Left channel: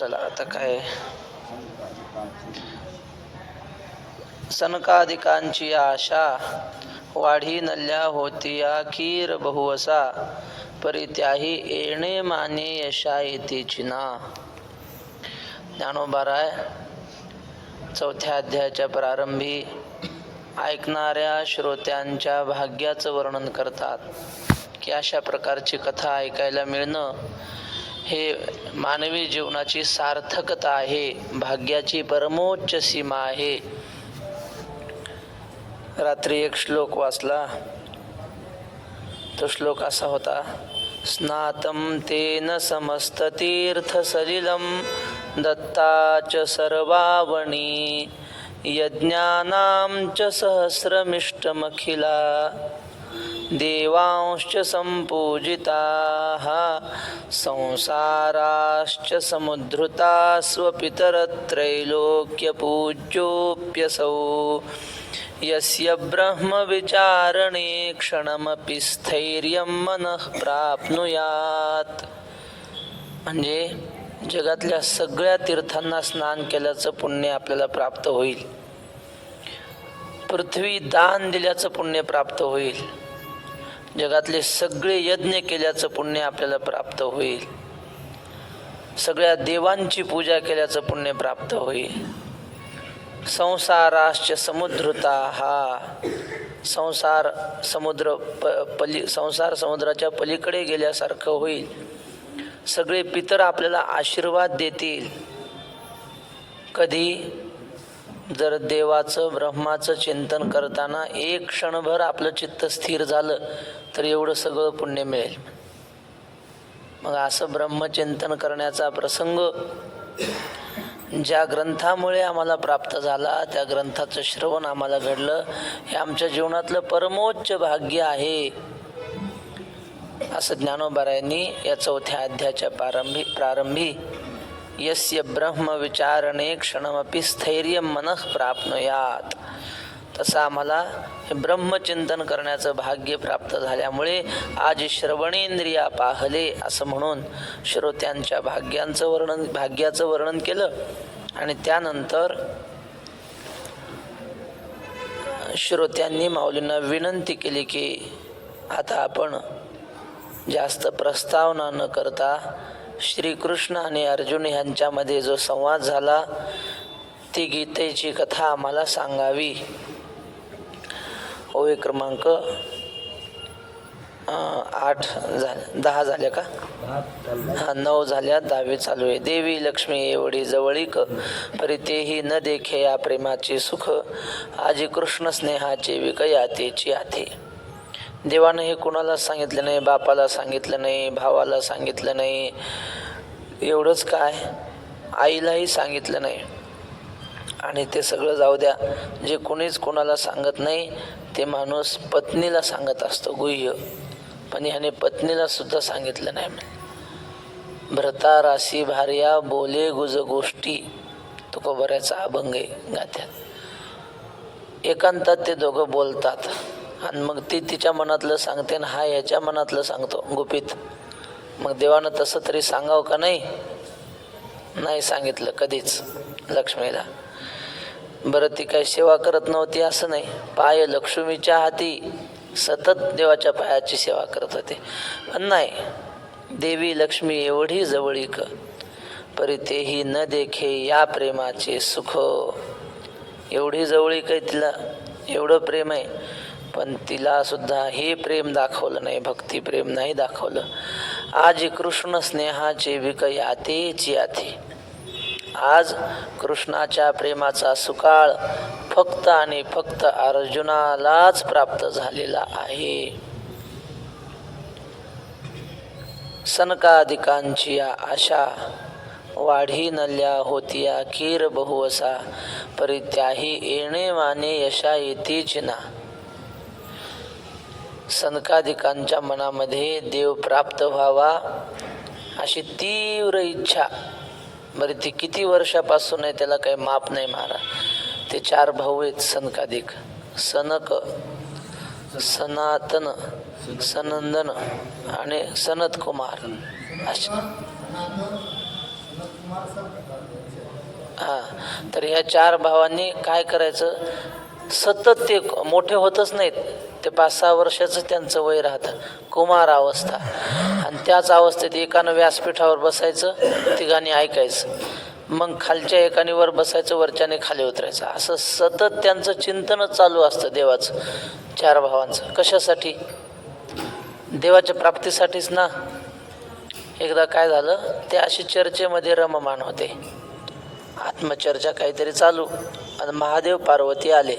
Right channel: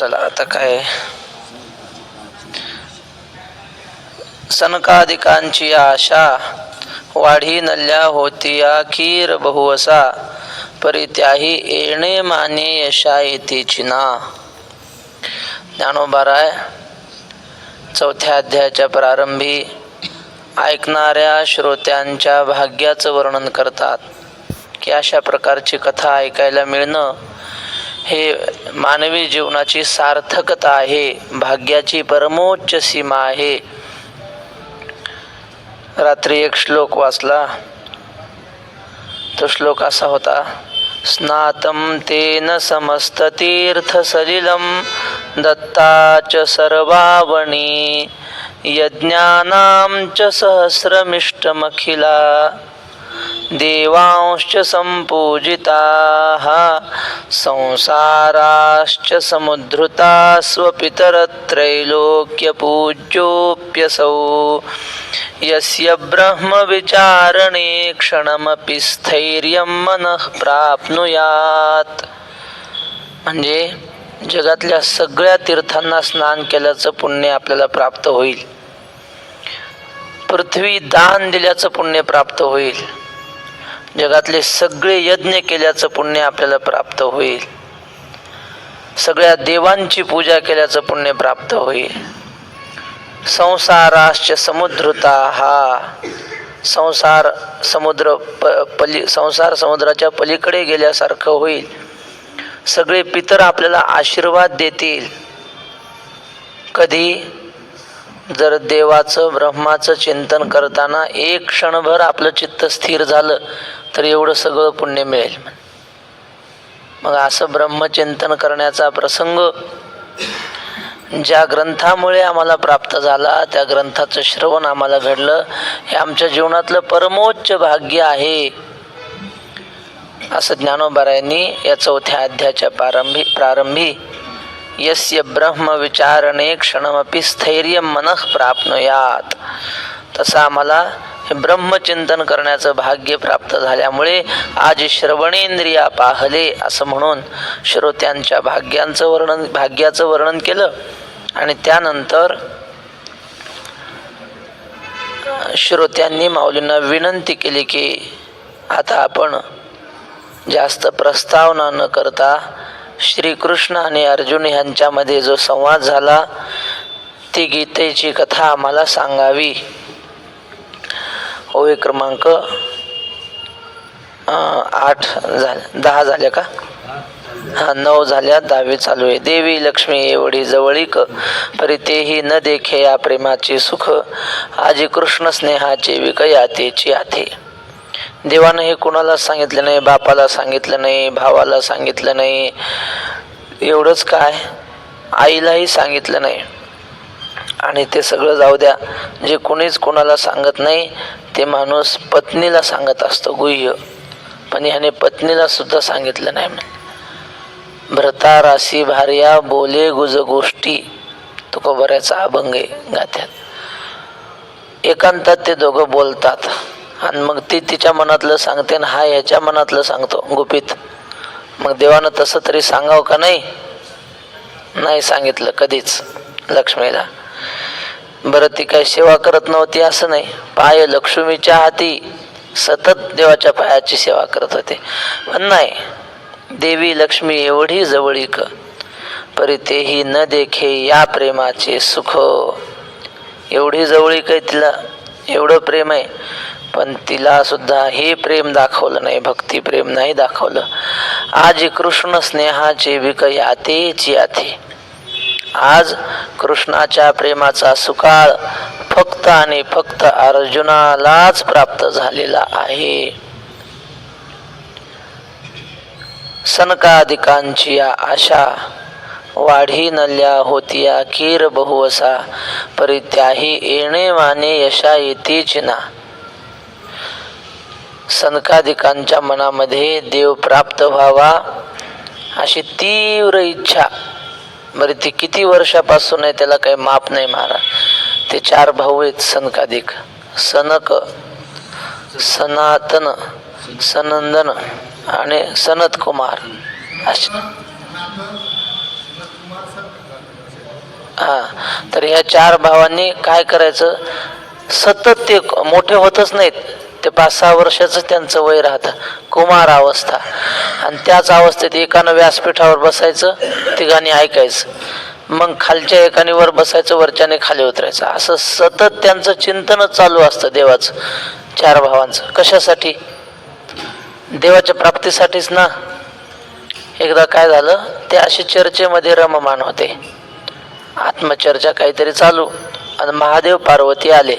चला आता काय, सनकादिकांची आशा वाढी नल्या होतिया खीर बहुवसा, परित्याही येणे माने यशा येतेची ना. ज्ञानोबाराय चौथ्या अध्यायाच्या प्रारंभी ऐकणाऱ्या श्रोत्यांच्या भाग्याचं वर्णन करतात की अशा प्रकारची कथा ऐकायला मिळणं हे मानवी जीवनाची सार्थकता आहे, भाग्याची परमोच्च सीमा आहे. रात्री एक श्लोक वाचला. तो श्लोक असा होता, स्नातं तेन समस्त तीर्थ सलिलं दत्ताच सर्वावणी यज्ञानां च सहस्रमिष्टमखिला देवांश्च संपूजिताः संसाराश्च समुद्धृता स्वपितरत्रैलोक्यपूज्योऽप्यसौ यस्य ब्रह्मविचारणे क्षणमपि स्थैर्यं मनः प्राप्नुयात्. म्हणजे जगातल्या सगळ्या तीर्थांना स्नान केल्याचं पुण्य आपल्याला प्राप्त होईल, पृथ्वी दान दिल्याचं पुण्य प्राप्त होईल, जगातले सगळे यज्ञ केल्याचं पुण्य आपल्याला प्राप्त होईल, सगळ्या देवांची पूजा केल्याचं पुण्य प्राप्त होईल. संसाराश्च समुद्रता, हा संसार समुद्र संसार समुद्राच्या पलीकडे गेल्यासारखं होईल. सगळे पितर आपल्याला आशीर्वाद देतील. कधी? जर देवाचं ब्रह्माचं चिंतन करताना एक क्षणभर आपलं चित्त स्थिर झालं तर एवढं सगळं पुण्य मिळेल. मग असं ब्रह्मचिंतन करण्याचा प्रसंग ज्या ग्रंथामुळे आम्हाला प्राप्त झाला, त्या ग्रंथाचं श्रवण आम्हाला घडलं, हे आमच्या जीवनातलं परमोच्च भाग्य आहे, असं ज्ञानोबारायांनी या चौथ्या अध्यायाच्या प्रारंभी यस्य ब्रह्म विचारणे क्षणमपि स्थैर्य मनः प्राप्नुयात, तसं आम्हाला हे ब्रह्मचिंतन करण्याचं भाग्य प्राप्त झाल्यामुळे आज श्रवणेंद्रिया पाहले असं म्हणून श्रोत्यांच्या भाग्याचं वर्णन केलं. आणि त्यानंतर श्रोत्यांनी माऊलींना विनंती केली की आता आपण जास्त प्रस्तावना न करता श्रीकृष्ण आणि अर्जुन यांच्यामध्ये जो संवाद झाला ती गीतेची कथा आम्हाला सांगावी. ओवी क्रमांक 8 झाल्या, 10 झाल्या का? 9 झाल्या, 10वी चालू आहे. देवी लक्ष्मी एवढी जवळीक, परितेही न देखे या प्रेमाचे सुख, आजी कृष्ण स्नेहाचे विकयातेची आथे. देवानं हे कोणाला सांगितलं नाही, बापाला सांगितलं नाही, भावाला सांगितलं नाही, एवढंच काय आईलाही सांगितलं नाही. आणि ते सगळं जाऊ द्या, जे कोणीच कोणाला सांगत नाही ते माणूस पत्नीला सांगत असतो गुह्य, पण ह्याने पत्नीला सुद्धा सांगितलं नाही. भ्रता राशी भार्या बोले गुज गोष्टी, तुकोबऱ्याचा अभंग आहे गाथ्यात. एकांतात ते दोघं बोलतात आणि मग ती तिच्या मनातलं सांगते आणि हा ह्याच्या मनातलं सांगतो गुपित. मग देवानं तसं तरी सांगावं का नाही? नाही सांगितलं कधीच लक्ष्मीला. बरं, ती काही सेवा करत नव्हती असं नाही, पाय लक्ष्मीच्या हाती, सतत देवाच्या पायाची सेवा करत होते. पण नाही, देवी लक्ष्मी एवढी जवळीक, परितेही न देखे या प्रेमाचे सुख, एवढी जवळीक आहे तिला, एवढं प्रेम आहे, पण तिला सुद्धा हे प्रेम दाखवलं नाही, भक्ती प्रेम नाही दाखवलं. आज कृष्ण स्नेहाचे विकयातेची आथे. आज कृष्णाच्या प्रेमाचा सुकाळ फक्त आणि फक्त अर्जुनालाच प्राप्त झालेला आहे. सनकादिकांची आशा वाढी नल्या होतिया खीर बहुवसा, परित्याही येणे माने यशा येतेच ना. सनकादिकांच्या मनामध्ये देव प्राप्त व्हावा अशी तीव्र इच्छा. बरी ती किती वर्षापासून आहे त्याला काही माप नाही महाराज. ते 4 भाऊ आहेत सनकादिक, सनक, सनातन, सनंदन आणि सनत कुमार. हा, तर ह्या 4 भावांनी काय करायचं, सतत ते मोठे होतच नाहीत, ते 5-6 वर्षाचं त्यांचं वय राहतं, कुमार अवस्था, आणि त्याच अवस्थेत एकानं व्यासपीठावर बसायचं, तिघांनी ऐकायचं, मग खालच्या एकाने वर बसायचं, वरच्याने खाली उतरायचं, असं सतत त्यांचं चिंतनच चालू असतं देवाचं, 4 भावांचं. कशासाठी? देवाच्या प्राप्तीसाठीच ना. एकदा काय झालं, ते असे चर्चेमध्ये रममाण होते, आत्मचर्चा काहीतरी चालू, आणि महादेव पार्वती आले,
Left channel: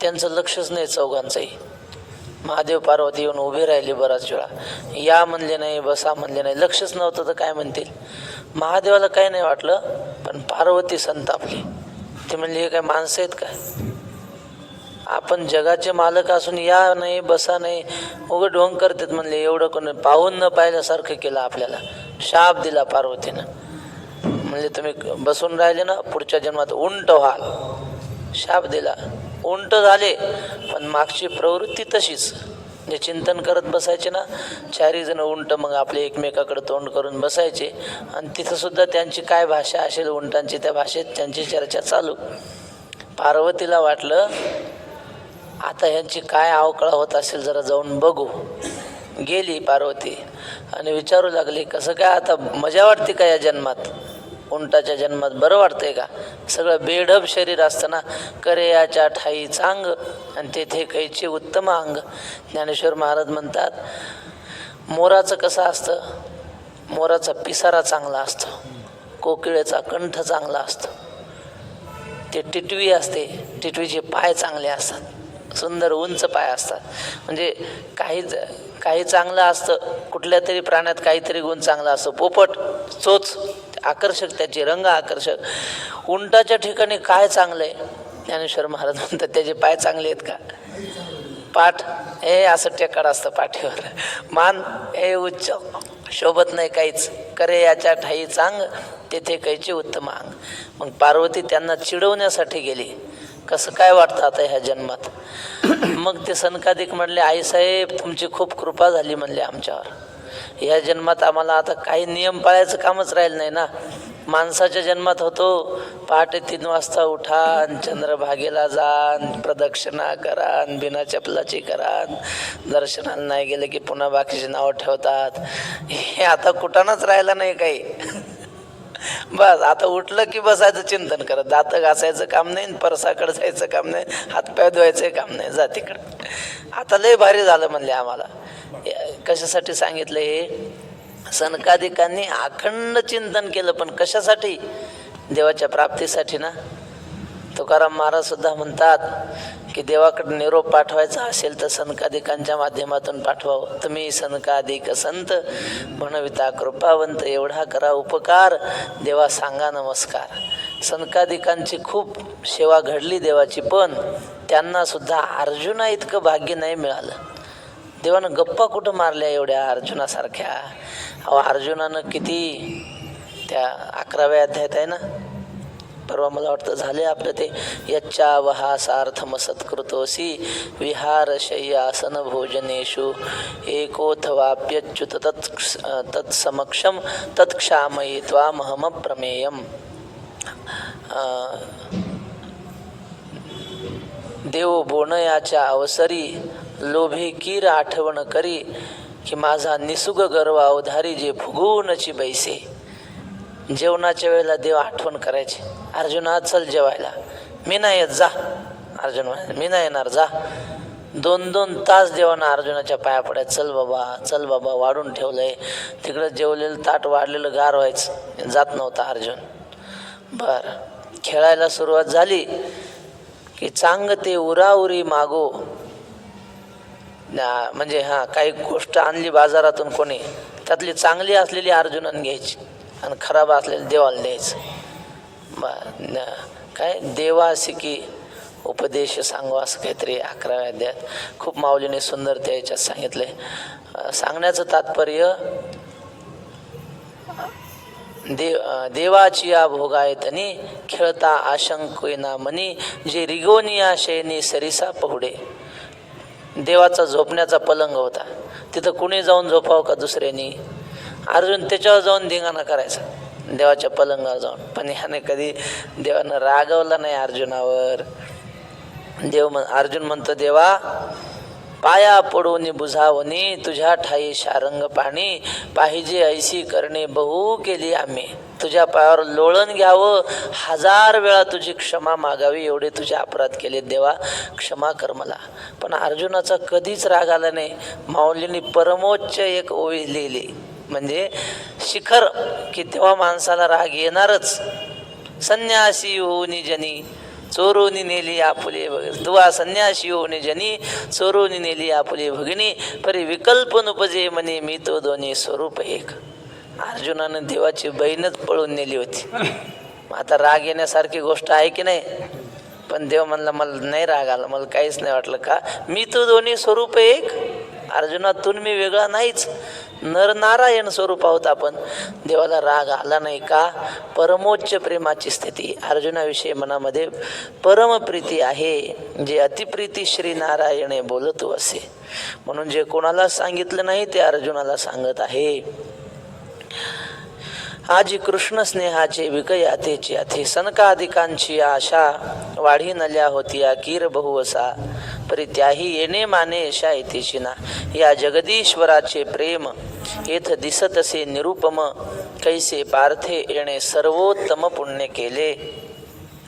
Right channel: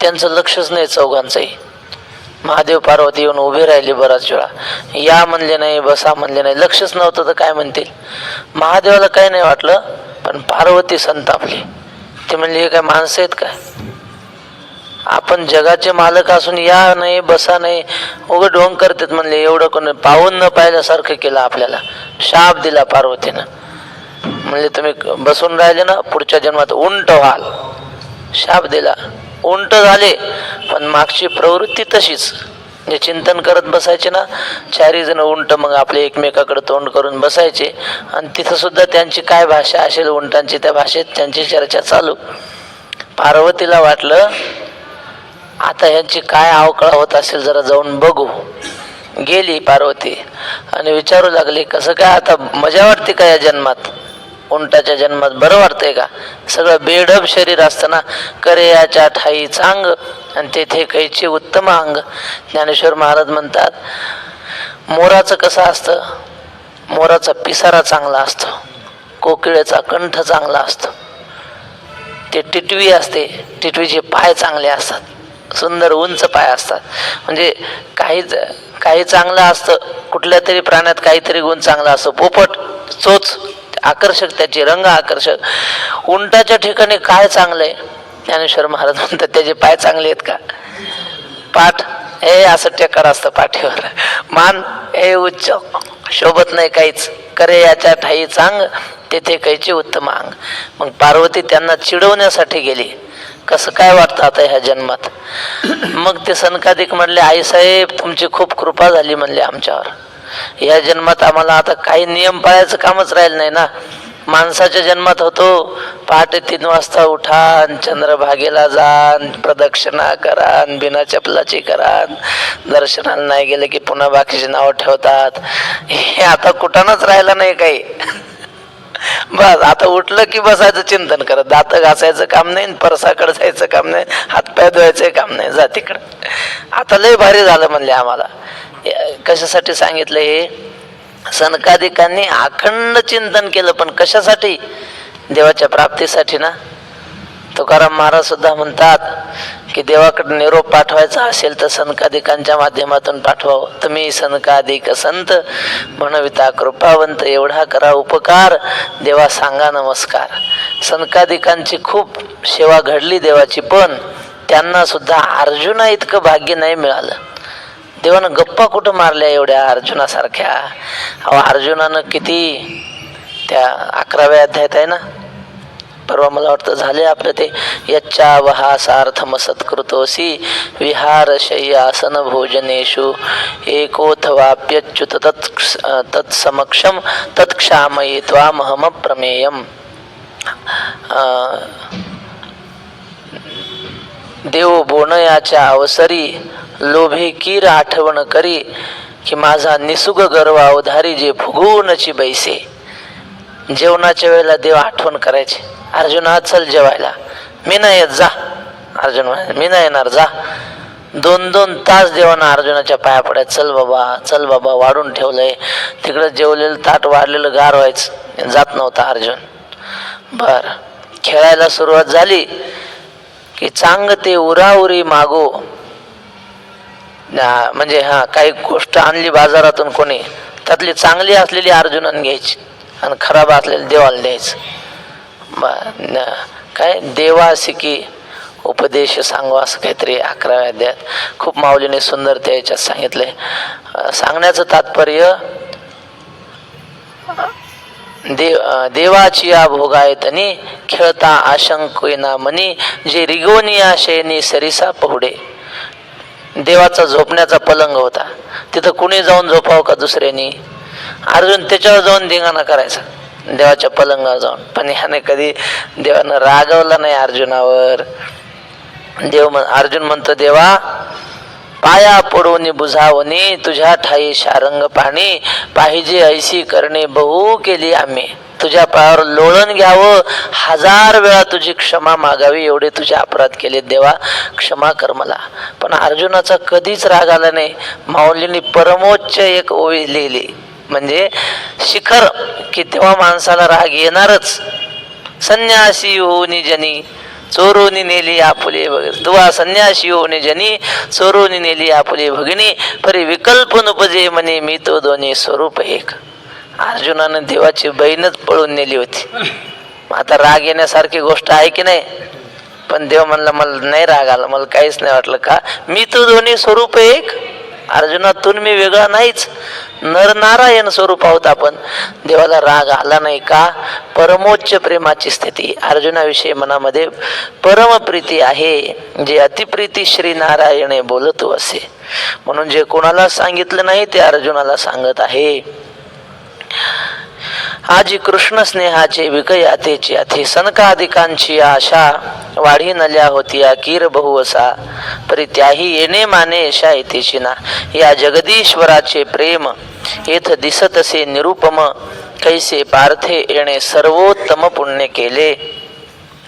त्यांचं लक्षच नाही चौघांचंही. महादेव पार्वती येऊन उभे राहिले, बराच वेळा या म्हणले नाही, बसा म्हणले नाही, लक्षच नव्हतं तर काय म्हणतील. महादेवाला काही नाही वाटलं, पण पार्वती संतापली. ते म्हणले हे काय माणसं आहेत काय, आपण जगाचे मालक असून या नाही, बसा नाही, उघड ढोंग करतात म्हणले, एवढं कोण पाहून न पाहिल्यासारखं केलं आपल्याला. शाप दिला पार्वतीनं, म्हणले तुम्ही बसून राहिले ना, पुढच्या जन्मात उंट व्हाल. शाप दिला, उंट झाले, पण मागची प्रवृत्ती तशीच, जे चिंतन करत बसायचे ना, 4 जण उंट मग आपले एकमेकाकडे तोंड करून बसायचे, आणि तिथं सुद्धा त्यांची काय भाषा असेल उंटांची, त्या भाषेत त्यांची चर्चा चालू. पार्वतीला वाटलं आता ह्यांची काय अवकळा होत असेल, जरा जाऊन बघू. गेली पार्वती आणि विचारू लागली, कसं काय आता मजा वाटते का या जन्मात, उंटाच्या जन्मात बरं वाटतंय का, सगळं बेढब शरीर असतं ना, करेयाच्या ठाई चांग आणि तेथे कैचे उत्तम अंग. ज्ञानेश्वर महाराज म्हणतात, मोराचं कसं असतं, मोराचा पिसारा चांगला असतो, कोकिळेचा कंठ चांगला असतो, ते टिटवी असते, टिटवीचे पाय चांगले असतात, सुंदर उंच पाय असतात. म्हणजे काही चांगलं असतं, कुठल्या तरी प्राण्यात काहीतरी गुण चांगला असतो, पोपट चोच आकर्षक, त्याचे रंग आकर्षक. उंटाच्या ठिकाणी काय चांगलंय, ज्ञानेश्वर महाराज म्हणतात त्याचे पाय चांगले आहेत का, पाठ हे असं टेकर असतं पाठीवर, मान हे उच्च, शोभत नाही काहीच, करे याच्या ठाई चांग तेथे कैचे उत्तम अंग. मग पार्वती त्यांना चिडवण्यासाठी गेली, कसं काय वाटतं आता ह्या जन्मात. मग ते सनकादिक म्हणले, आईसाहेब तुमची खूप कृपा झाली म्हणले आमच्यावर, या जन्मात आम्हाला आता काही नियम पाळायचं कामच राहिलं नाही ना. माणसाच्या जन्मात होतो, पहाटे 3 वाजता उठा, चंद्रभागेला जा, प्रदक्षिणा करा, बिना चपलाची करा, दर्शनाला नाही गेले की पुन्हा बाकीची नावं ठेवतात. हे आता कुठानच राहिलं नाही काही. बस आता उठलं की बसायचं चिंतन करत, दात घासायचं काम नाही, परसाकडे जायचं काम नाही, हातपाय धुवायचं काम नाही, जा तिकडं. आता लय भारी झालं म्हणले आम्हाला. कशासाठी सांगितलं हे, सनकादिकांनी अखंड चिंतन केलं, पण कशासाठी, देवाच्या प्राप्तीसाठी ना. तुकाराम महाराज सुद्धा म्हणतात की देवाकडे निरोप पाठवायचा असेल तर सनकादिकांच्या माध्यमातून पाठवावं. तुम्ही सनकादिक संत म्हणविता कृपावंत, एवढा करा उपकार, देवा सांगा नमस्कार. सनकादिकांची खूप सेवा घडली देवाची, पण त्यांना सुद्धा अर्जुना इतकं भाग्य नाही मिळालं. देवानं गप्पा कुठं मारल्या एवढ्या अर्जुनासारख्या. अहो अर्जुनानं किती, त्या 11व्या अध्यायात आहे ना, परवा मला वाटतं झाले आपलं ते, यच्चा वहासार्थम सत्कृतोसी विहार शय्यासन भोजनेषु एकोथवाप्यच्युत तत्समक्षम तत्क्षामयी त्वामहम प्रमेयम. देव बोनयाच्या अवसरी लोभे कीर आठवण करी, की माझा निसुग गर्व अवधारी जे फुगवूनची बैसे. जेवणाच्या वेळेला देव आठवण करायचे, अर्जुना चल जेवायला, मी नाही येत जा. अर्जुन म्हणाले मी नाही येणार जा. 2-2 तास देवाना अर्जुनाच्या पाया पडायचं, चल बाबा चल बाबा, वाढून ठेवलंय तिकडं, जेवलेलं ताट वाढलेलं गार व्हायचं, जात नव्हता अर्जुन. बर खेळायला सुरुवात झाली की चांगते उराउरी मागो, म्हणजे काही गोष्ट आणली बाजारातून कोणी, त्यातली चांगली असलेली अर्जुनाने घ्यायची आणि खराब असलेली देवाला द्यायचं. काय देवासिकी उपदेश सांगू असं काहीतरी 11व्या अध्यायात खूप माऊलीने सुंदर त्या याच्यात सांगितलंय. सांगण्याचं तात्पर्य, देवाची या भोगायतनी खेळता आशंकना मनी, जे रिगोनिया शेनी सरिसा पहुडे. देवाचा झोपण्याचा पलंग होता, तिथं कुणी जाऊन झोपावं का दुसऱ्यानी, अर्जुन त्याच्यावर जाऊन धिंगाणा करायचा, देवाच्या पलंगावर जाऊन. पण ह्याने कधी देवानं रागवला नाही अर्जुनावर. अर्जुन म्हणतो, देवा पाया पडून बुझावणी तुझ्या ठाई शारंग पाणी पाहिजे ऐशी करणे बहु केली आम्ही. तुझ्या पायावर लोळण घ्यावं, 1000 वेळा तुझी क्षमा मागावी, एवढे तुझे अपराध केले देवा, क्षमा कर मला. पण अर्जुनाचा कधीच राग आला नाही. माऊलींनी परमोच्च एक ओळी लिहिली, म्हणजे शिखर, की तेव्हा माणसाला राग येणारच. संन्यासी होऊनी जनी चोरोनी नेली आपुले भगिनी, तुवा संन्यासी होऊनी जनी चोरोनी नेली आपुले भगिनी, परी विकल्प नुपजे म्हणे मी तो दोन्ही स्वरूप एक. अर्जुनानं देवाची बहीणच पळून नेली होती. आता राग येण्यासारखी गोष्ट आहे की नाही? पण देव म्हणला मला नाही राग आला, मला काहीच नाही वाटलं. का? मी तो दोन्ही स्वरूप एक. अर्जुनातून मी वेगळा नाहीच, नरनारायण स्वरूप आहोत आपण. देवाला राग आला नाही का? परमोच्च प्रेमाची स्थिती. अर्जुनाविषयी मनामध्ये परमप्रीती आहे, जे अतिप्रीती श्री नारायणे बोलतो असे. म्हणून जे कोणाला सांगितलं नाही ते अर्जुनाला सांगत आहे. आजी कृष्ण स्नेहाचे विकयातेची अथे सनकादिकांची आशा वाढी नल्या होती कीर बहुवसा, परी त्याही येणे माने यशा येतेची ना. या जगदीश्वराचे प्रेम येथ दिसतसे निरुपम, कैसे पार्थे येणे सर्वोत्तम पुण्य केले.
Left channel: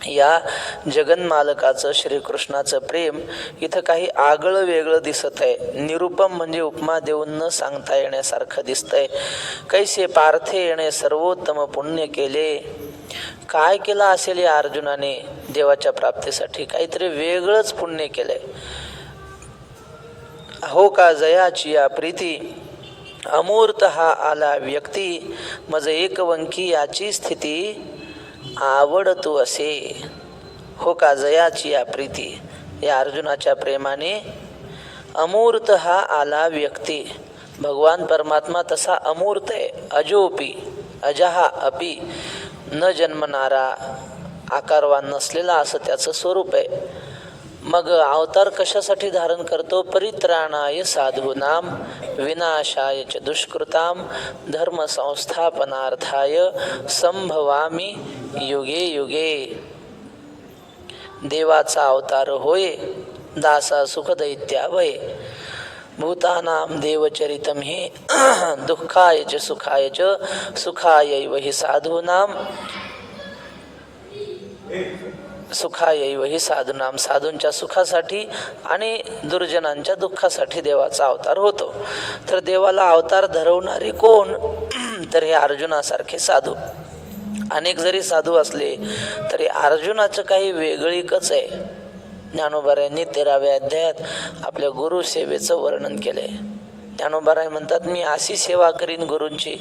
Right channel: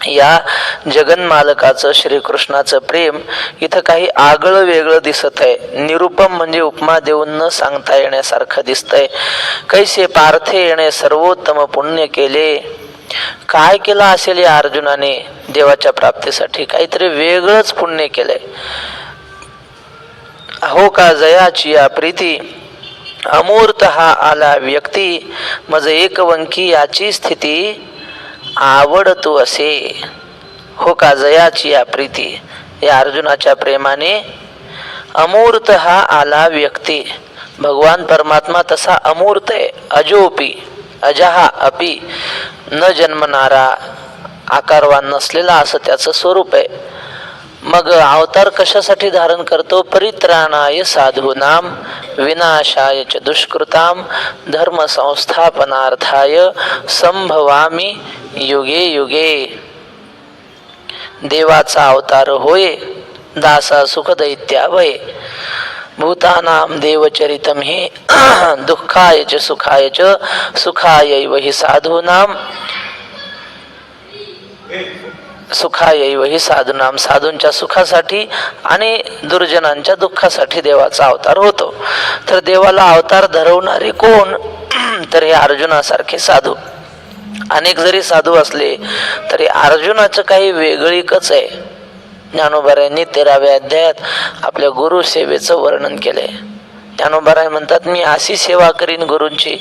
या जगन्मालकाचं श्रीकृष्णाचं प्रेम इथं काही आगळं वेगळं दिसत आहे. निरुपम म्हणजे उपमा देऊन न सांगता येण्यासारखं दिसतंय. कैसे पार्थे येणे सर्वोत्तम पुण्य केले. काय केलं असेल या अर्जुनाने देवाच्या प्राप्तीसाठी? काहीतरी वेगळंच पुण्य केलंय. हो का जयाची या प्रीती अमूर्त हा आला व्यक्ती, मज एकवंकी याची स्थिती आवडतो असे. हो का जयाची या प्रीती, या अर्जुनाच्या प्रेमाने अमूर्त हा आला व्यक्ती. भगवान परमात्मा तसा अमूर्त आहे, अजोपी अजहा अपि, न जन्मणारा, आकारवान नसलेला असं त्याचं स्वरूप आहे. मग अवतार कशासाठी धारण करतो? परित्राणाय साधूनाम विनाशाय च दुष्कृताम धर्म संस्थापनार्थाय संभवामी युगे युगे. देवाचा अवतार होय, दासा सुख दैत्यावय, भूतानाम देवचरितम हि दुःखाय च सुखाय च सुखायैव हि साधूनाम सुखायैव हि साधूनाम. साधूंच्या सुखासाठी आणि दुर्जनांच्या दुःखासाठी देवाचा अवतार होतो. तर देवाला अवतार धरवणारे कोण? तर हे अर्जुनासारखे साधू. अनेक जरी साधू असले तरी अर्जुनाचं काही वेगळीकच आहे. ज्ञानोबारायांनी 13व्या अध्यायात आपल्या गुरु सेवेचं वर्णन केलंय. ज्ञानोबाराय म्हणतात, मी अशी सेवा करीन गुरूंची,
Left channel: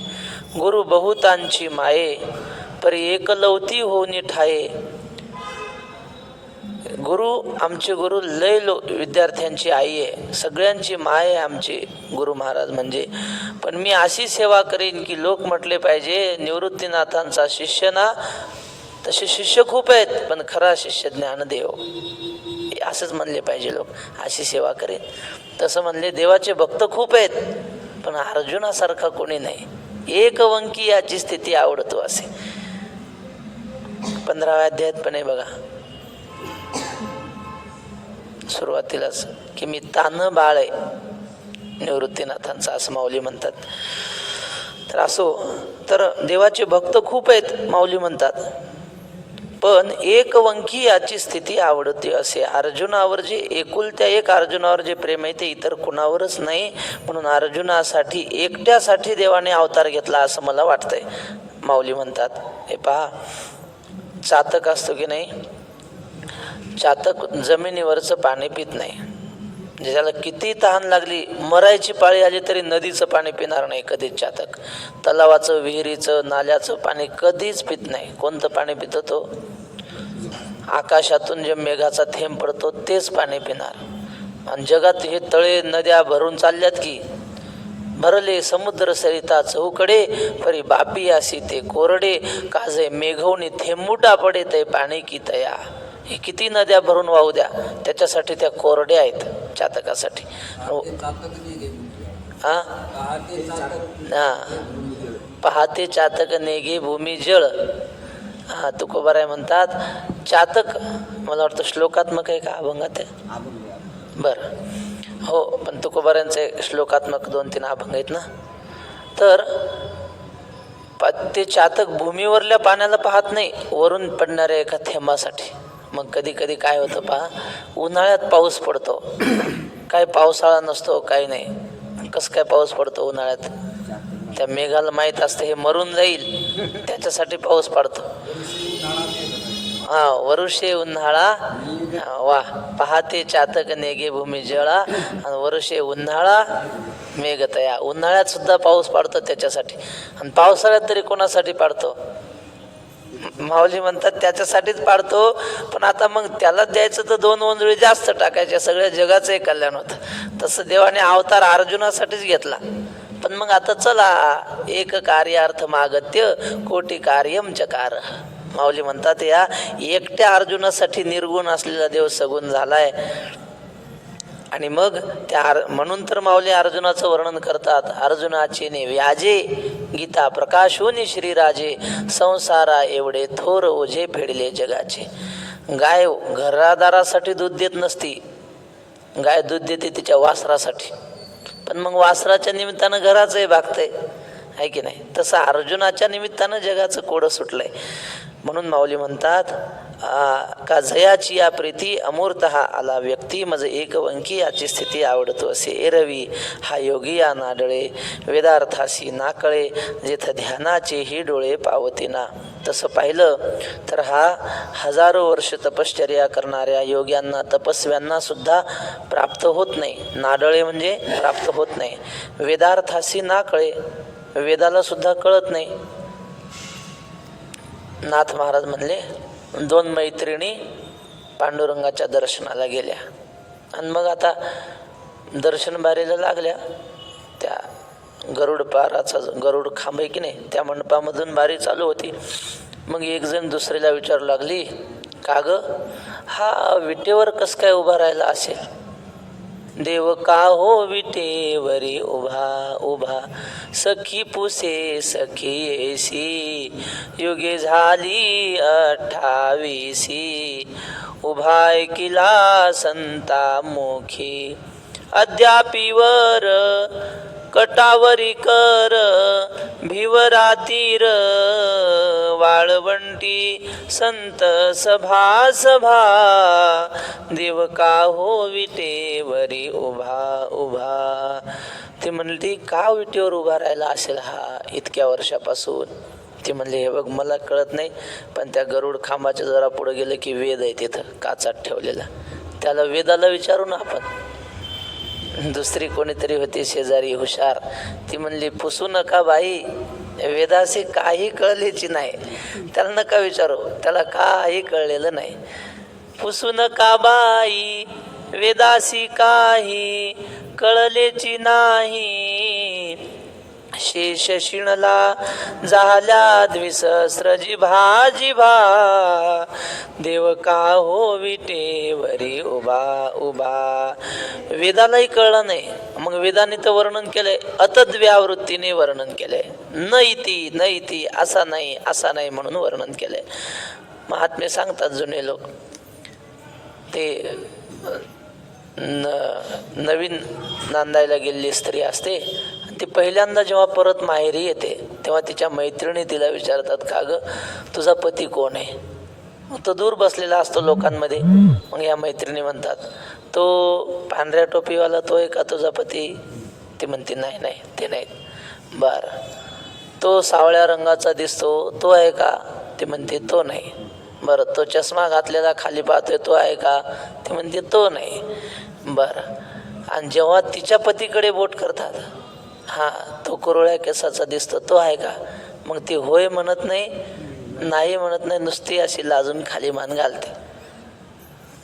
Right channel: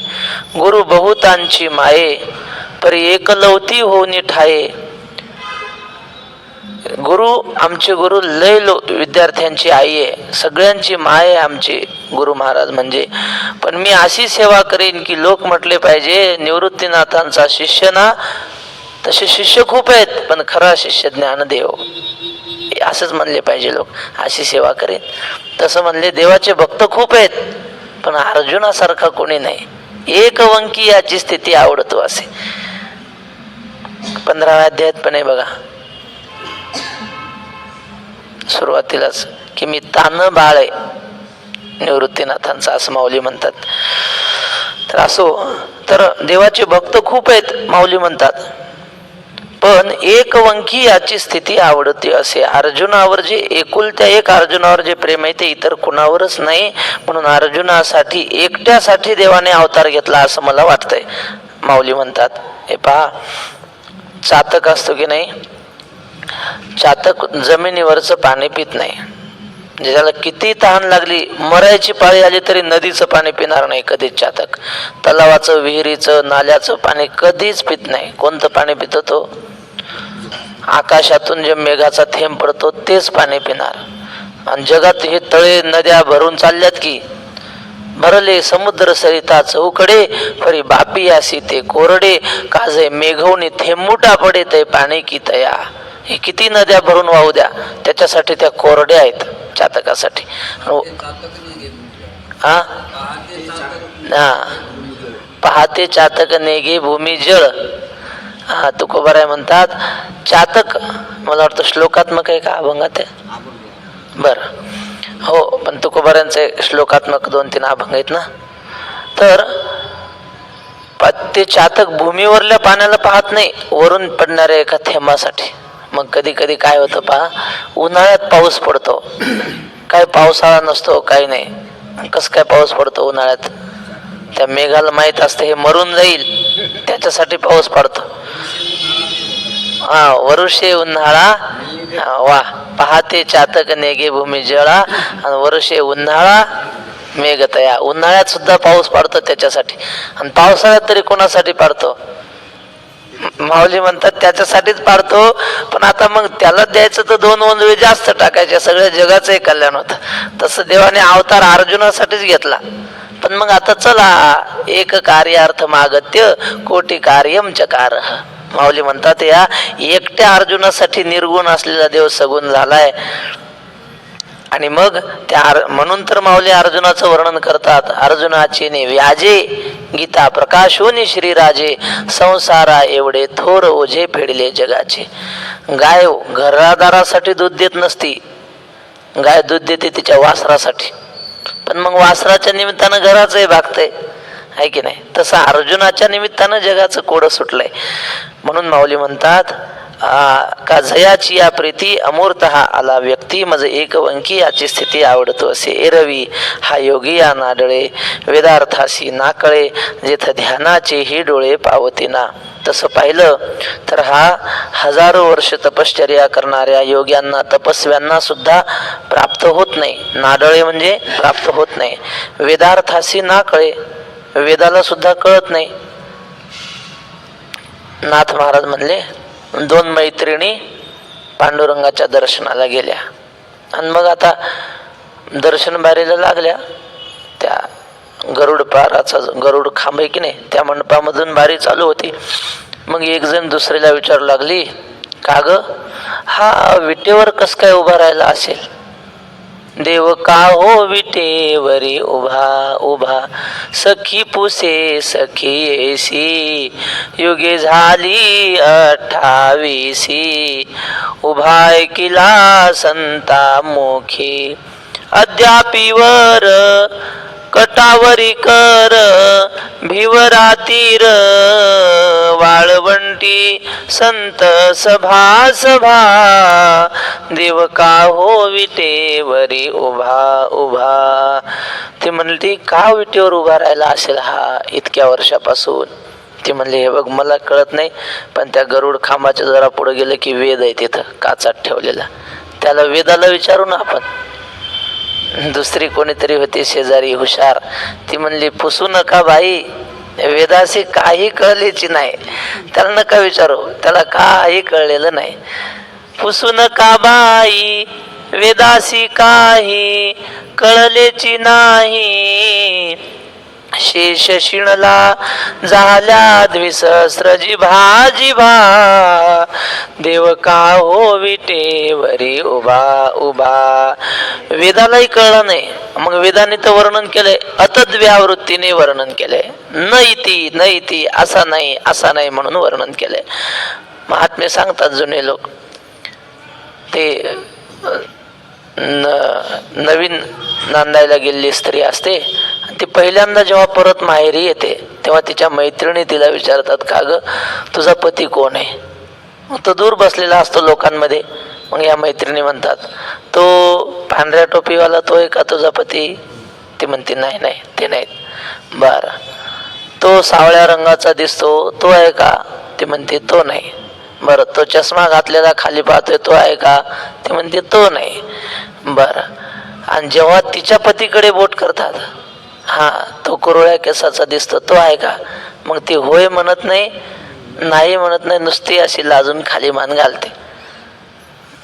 गुरु बहुतांची माये, परी एकलवती होऊनी ठाये. गुरु, आमचे गुरु लय विद्यार्थ्यांची आई आहे, सगळ्यांची माय आहे आमची गुरु महाराज म्हणजे. पण मी अशी सेवा करीन की लोक म्हटले पाहिजे निवृत्तीनाथांचा शिष्य ना. तसे शिष्य खूप आहेत, पण खरा शिष्य ज्ञानदेव, असंच म्हणले पाहिजे लोक. अशी सेवा करेन. तसं म्हणले देवाचे भक्त खूप आहेत, पण अर्जुनासारखा कोणी नाही. एकवंकी याची स्थिती आवडतो असे 15व्या अध्यायात पण आहे बघा, सुरुवातीलाच की मी तान बाळ आहे निवृत्तीनाथांचा, असं माऊली म्हणतात. तर असो, तर देवाचे भक्त खूप आहेत माऊली म्हणतात, पण एकवंकी याची स्थिती आवडते असे. अर्जुनावर जे एकुलत्या एक अर्जुनावर जे प्रेम आहे ते इतर कुणावरच नाही. म्हणून अर्जुनासाठी एकट्यासाठी देवाने अवतार घेतला असं मला वाटतंय. माऊली म्हणतात, हे पहा, चातक असतो की नाही, चातक जमिनीवरचं पाणी पित नाही. म्हणजे त्याला किती तहान लागली, मरायची पाळी आली तरी नदीचं पाणी पिणार नाही कधीच चातक. तलावाचं, विहिरीचं, नाल्याचं पाणी कधीच पित नाही. कोणतं पाणी पितो तो? आकाशातून जे मेघाचा थेंब पडतो तेच पाणी पिणार. आणि जगात हे तळे नद्या भरून चालल्यात की भरले समुद्र सरिता चौकडे, फरी बापी आसी ते कोरडे, काजे मेघवणी थेंबुटा पडे ते पाणी की तया. हे किती नद्या भरून वाहू द्या, त्याच्यासाठी त्या कोरड्या आहेत चातकासाठी. हा, पाहते चातक नेगे भूमी जळ. हा तुकोबाराय म्हणतात चातक, मला वाटतं श्लोकात्मक आहे का अभंगात आहे? बर हो, पण तुकोबारांचे श्लोकात्मक 2-3 अभंग आहेत ना. तर ते चातक भूमीवरल्या पाण्याला पाहत नाही, वरून पडणाऱ्या एका थेंबासाठी. मग कधी कधी काय होतं पहा, उन्हाळ्यात पाऊस पडतो, काय पावसाळा नसतो, काही नाही. कस काय पाऊस पडतो उन्हाळ्यात? त्या मेघाला माहित असते हे मरून जाईल, त्याच्यासाठी पाऊस पडतो. हा, वरुषे उन्हाळा वा पाहते चातक नेगे भूमी जळा, आणि वरुषे उन्हाळा मेघ तया. उन्हाळ्यात सुद्धा पाऊस पडतो त्याच्यासाठी, आणि पावसाळ्यात तरी कोणासाठी पडतो? माऊली म्हणतात त्याच्यासाठीच पाडतो. पण आता मग त्याला द्यायचं तर 2 ओंजळे जास्त टाकायचे, सगळ्या जगाचंही कल्याण होतं. तसं देवाने अवतार अर्जुनासाठीच घेतला. पण मग आता चला, एक कार्यार्थ मागत्य कोटी कार्यम चकार. माऊली म्हणतात या एकट्या अर्जुनासाठी निर्गुण असलेला देव सगुण झालाय. आणि मग त्या म्हणून तर माऊली अर्जुनाचं वर्णन करतात. अर्जुनाचे ने व्याजे गीता प्रकाशोनी श्रीराजे, संसारा एवढे थोर ओझे फेडले जगाचे. गाय घरादारासाठी दूध देत नसती, गाय दूध देते तिच्या वासरासाठी. पण मग वासराच्या निमित्तानं घराचंही भागतंय, आहे की नाही? तसं अर्जुनाच्या निमित्तानं जगाचं कोडं सुटलंय. म्हणून माऊली म्हणतात का जयाची या प्रीती अमूर्त हा आला व्यक्ती, मज एक वंकी याची स्थिती आवडतो असे. एरवी हा योगी या नाडळे, वेदार्थासी नाकळे, जेथ ध्यानाचे ही डोळे पावती ना. तसं पाहिलं तर हा हजारो वर्ष तपश्चर्या करणाऱ्या योग्यांना, तपस्व्यांना सुद्धा प्राप्त होत नाही. नाडळे म्हणजे प्राप्त होत नाही. वेदार्थासी नाकळे, वेदाला सुद्धा कळत नाही. नाथ महाराज म्हणले 2 मैत्रिणी पांडुरंगाच्या दर्शनाला गेल्या, आणि मग आता दर्शन बारीला लागल्या. त्या गरुड पाराचा गरुड खांब आहे की नाही, त्या मंडपामधून बारी चालू होती. मग एक जण दुसरीला विचारू लागली, का ग हा विटेवर कस काय उभा राहिला असेल? देव का हो विटेवरी उभा उभा, सखी पुसे सखी येसी, युगे झाली 28. उभाय किला संता मोखी, अद्यापीवर कटावरी कर, भिवरातीर वाळवंटी संत सभा सभा, देव का हो विटेवरी उभा उभा. ती म्हणली का विटेवर उभा राहिला असेल हा इतक्या वर्षापासून? ती म्हणली हे बघ मला कळत नाही, पण त्या गरुड खांबाच्या जरा पुढे गेलं की वेद आहे तिथं काचात ठेवलेला, त्याला वेदाला विचारू ना आपण. दुसरी कोणीतरी होती शेजारी हुशार, ती म्हणली पुसू नका बाई, वेदाशी काही कळलेची नाही, त्याला नका विचारू, त्याला काही कळलेलं नाही. पुसू नका बाई वेदाशी काही कळलेची नाही, शेष शिणला झाल्या द्विसहस्र जिभा जिभा, देव का हो विटेवरी उभा उभा. वेदालाही कळलं नाही, मग वेदाने तर वर्णन केलंय, अतद्व्यावृत्तीने वर्णन केलंय. न इति न इति, असा नाही असा नाही म्हणून वर्णन केलंय. महात्मे सांगतात जुने लोक, ते नवीन नांदायला गेलेली स्त्री असते, ती पहिल्यांदा जेव्हा परत माहेरी येते तेव्हा तिच्या मैत्रिणी तिला विचारतात का ग तुझा पती कोण आहे? मग तो दूर बसलेला असतो लोकांमध्ये. मग या मैत्रिणी म्हणतात तो पांढऱ्या टोपीवाला तो आहे का तुझा पती? ती म्हणते नाही नाही ते नाहीत. बर तो सावळ्या रंगाचा दिसतो तो आहे का? ती म्हणते तो नाही. बर तो चष्मा घातलेला खाली पाहतोय तो आहे का? ती म्हणते तो नाही. बर आणि जेव्हा तिच्या पतीकडे बोट करतात, हा तो कुरळ्या केसाचा दिसतो तो आहे का? मग ती होय म्हणत नाही, नाही म्हणत नाही, नुसती अशी लाजून खाली मान घालते.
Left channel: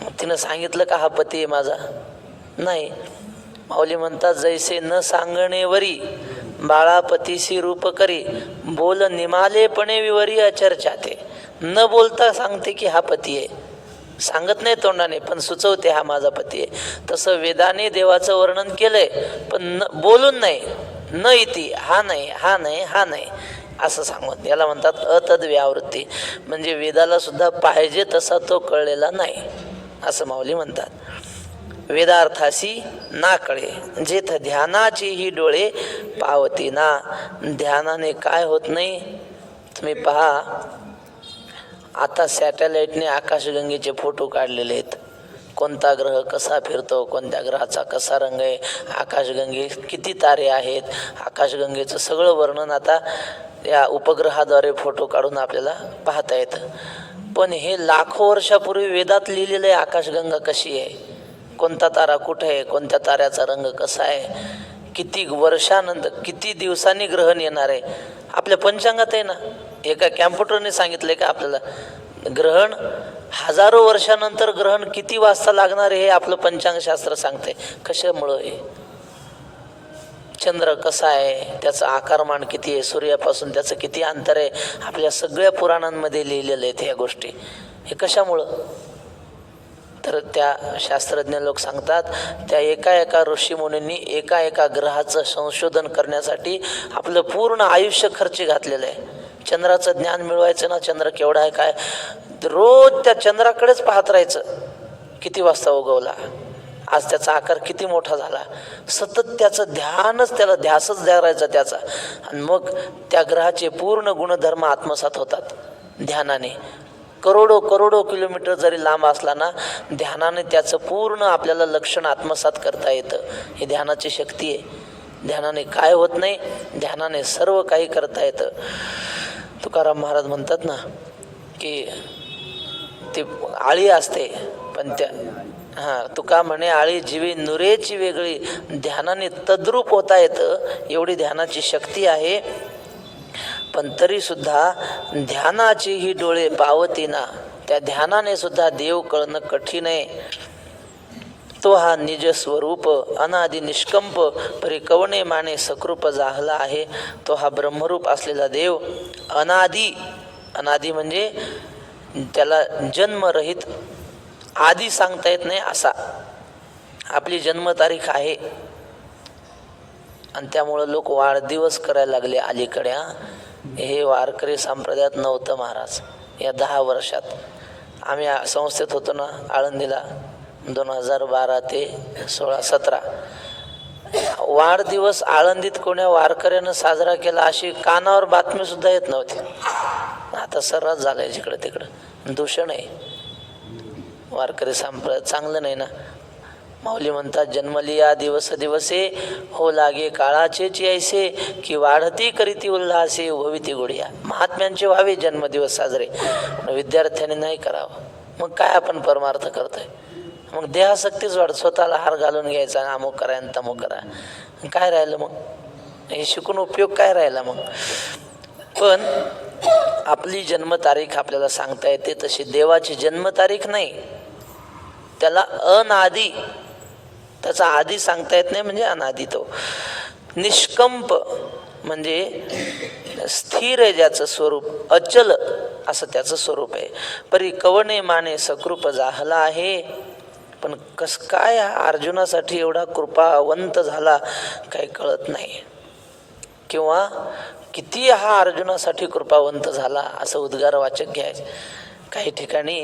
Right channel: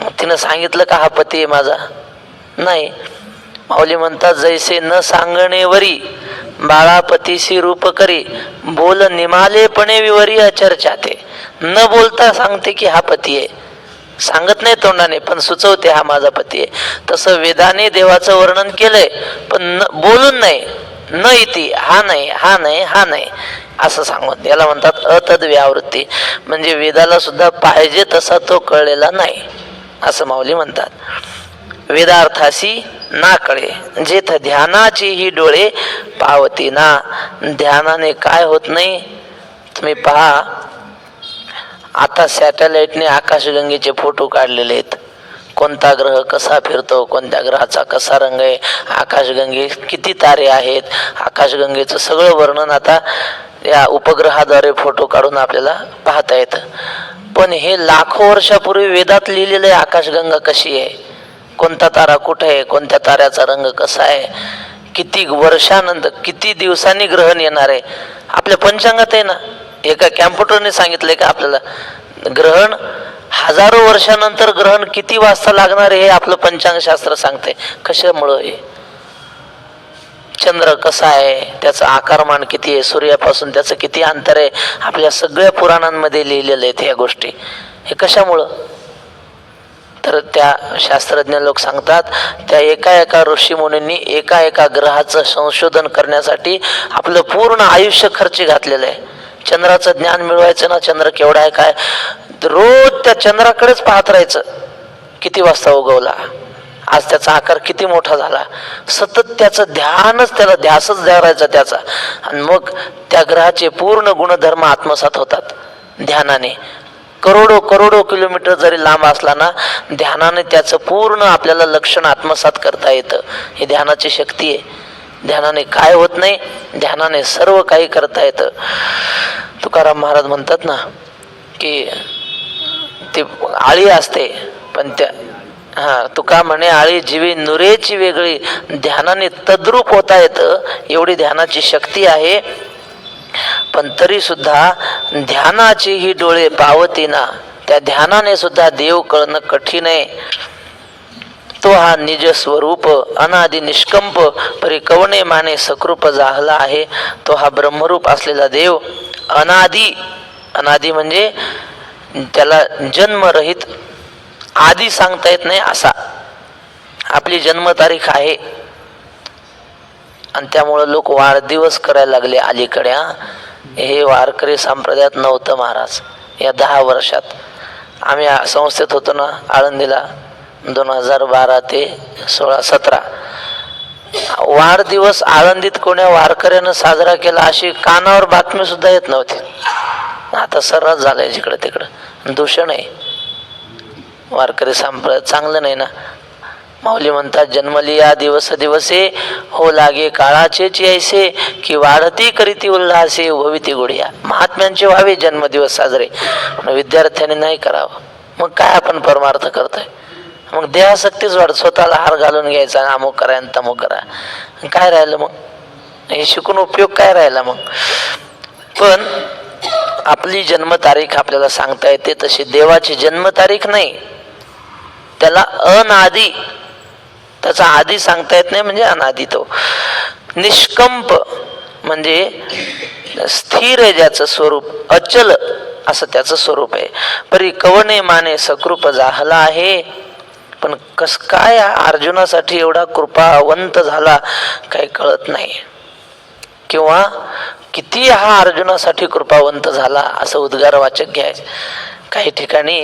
मग तिनं सांगितलं का हा पती आहे माझा? नाही. माऊली म्हणतात जैसे न सांगणे वरी बाळापतीशी रूप करी, बोल निमालेपणे विवरी अचर्चा. ते न बोलता सांगते की हा पती आहे, सांगत नाही तोंडाने पण सुचवते हा माझा पती आहे. तसं वेदाने देवाचं वर्णन केलंय पण बोलून नाही. न इति हा नाही हा नाही हा नाही असं सांगून याला म्हणतात अतद्व्यावृत्ती, म्हणजे वेदाला सुद्धा पाहिजे तसा तो कळलेला नाही असं माऊली म्हणतात. वेदार्थासी ना कळे जेथ ध्यानाची ही डोळे पावती ना. ध्यानाने काय होत नाही तुम्ही पहा. आता सॅटेलाइटने आकाशगंगेचे फोटो काढलेले आहेत. कोणता ग्रह कसा फिरतो, कोणत्या ग्रहाचा कसा रंग आहे, आकाशगंगे किती तारे आहेत, आकाशगंगेचं सगळं वर्णन आता या उपग्रहाद्वारे फोटो काढून आपल्याला पाहता येतं. पण हे लाखो वर्षापूर्वी वेदात लिहिलेलं आहे आकाशगंगा कशी आहे, कोणता तारा कुठे आहे, कोणत्या ताऱ्याचा रंग कसा आहे, किती वर्षानंतर किती दिवसांनी ग्रहण येणार आहे आपल्या पंचांगात आहे ना. एका कॅम्प्युटरने सांगितलंय का आपल्याला ग्रहण हजारो वर्षानंतर ग्रहण किती वाजता लागणार हे आपलं पंचांग शास्त्र सांगते. कशामुळं हे चंद्र कसा आहे, त्याचं आकारमान किती आहे, सूर्यापासून त्याचं किती अंतर आहे, आपल्या सगळ्या पुराणांमध्ये लिहिलेलं आहे ह्या गोष्टी. हे कशामुळं तर त्या शास्त्रज्ञ लोक सांगतात त्या एका ऋषीमुनींनी एका ग्रहाचं संशोधन करण्यासाठी आपलं पूर्ण आयुष्य खर्ची घातलेलं आहे. चंद्राचं ज्ञान मिळवायचं ना, चंद्र केवढा आहे काय, रोज त्या चंद्राकडेच पाहत राहायचं. किती वाजता उगवला, आज त्याचा आकार किती मोठा झाला, सतत त्याचं ध्यानच, त्याला ध्यासच द्यायचा त्याचा. आणि मग त्या ग्रहाचे पूर्ण गुणधर्म आत्मसात होतात ध्यानाने. करोडो किलोमीटर जरी लांब असला ना, ध्यानाने त्याचं पूर्ण आपल्याला लक्षण आत्मसात करता येतं. ही ध्यानाची शक्ती आहे. ध्यानाने काय होत नाही, ध्यानाने सर्व काही करता येतं. तुकाराम महाराज म्हणतात ना की ती आळी असते पण त्या तुका म्हणे आळी जीवी नुरेची वेगळी, ध्यानाने तद्रूप होता येतं एवढी ध्यानाची शक्ती आहे. पण तरी सुद्धा ध्यानाची ही डोळे पावती ना, त्या ध्यानाने सुद्धा देव कळणं कठीण आहे. तो हा निज स्वरूप अनादि निष्कंप परी कवणे माने सकृप जाहला आहे. तो हा ब्रह्मरूप असलेला देव अनादि म्हणजे त्याला जन्मरहित, आधी सांगता येत नाही असा आपली जन्मतारीख आहे. आणि त्यामुळं लोक वाढदिवस करायला लागले अलीकडे. हे वारकरी संप्रदायात नव्हतं महाराज. या 10 वर्षात आम्ही संस्थेत होतो ना आळंदीला, 2012 ते 16-17 वाढदिवस आळंदीत कोण्या वारकऱ्यानं साजरा केला अशी कानावर बातमी सुद्धा येत नव्हती. आता सर्रास झालंय जिकडे तिकडं. दूषण आहे, वारकरी संप्रदाय चांगलं नाही ना. माऊली म्हणतात जन्मलिया दिवस दिवसे हो लागे काळाचे ऐसे की वाढती करीती उल्हासे भविती गुढिया. महात्म्यांचे व्हावे जन्मदिवस साजरे, विद्यार्थ्यांनी नाही करावं. मग काय आपण परमार्थ करतोय? मग देहासक्तीच वाढत, स्वतःला हार घालून घ्यायचा, अमुक करा आणि तमुक करा. काय राहिलं मग? हे शिकून उपयोग काय राहिला मग? पण आपली जन्मतारीख आपल्याला सांगता येते तशी देवाची जन्मतारीख नाही. त्याला अनादी, त्याचा आधी सांगता येत नाही म्हणजे अनादी. तो निष्कंप म्हणजे स्थिर आहे ज्याचं स्वरूप, अचल असं त्याचं स्वरूप आहे. परी कवणे माने सकृप जाहला आहे. पण कस काय अर्जुनासाठी एवढा कृपावंत झाला काही कळत नाही. किंवा किती हा अर्जुनासाठी कृपावंत झाला असं उद्गारवाचक घ्यायचं. काही ठिकाणी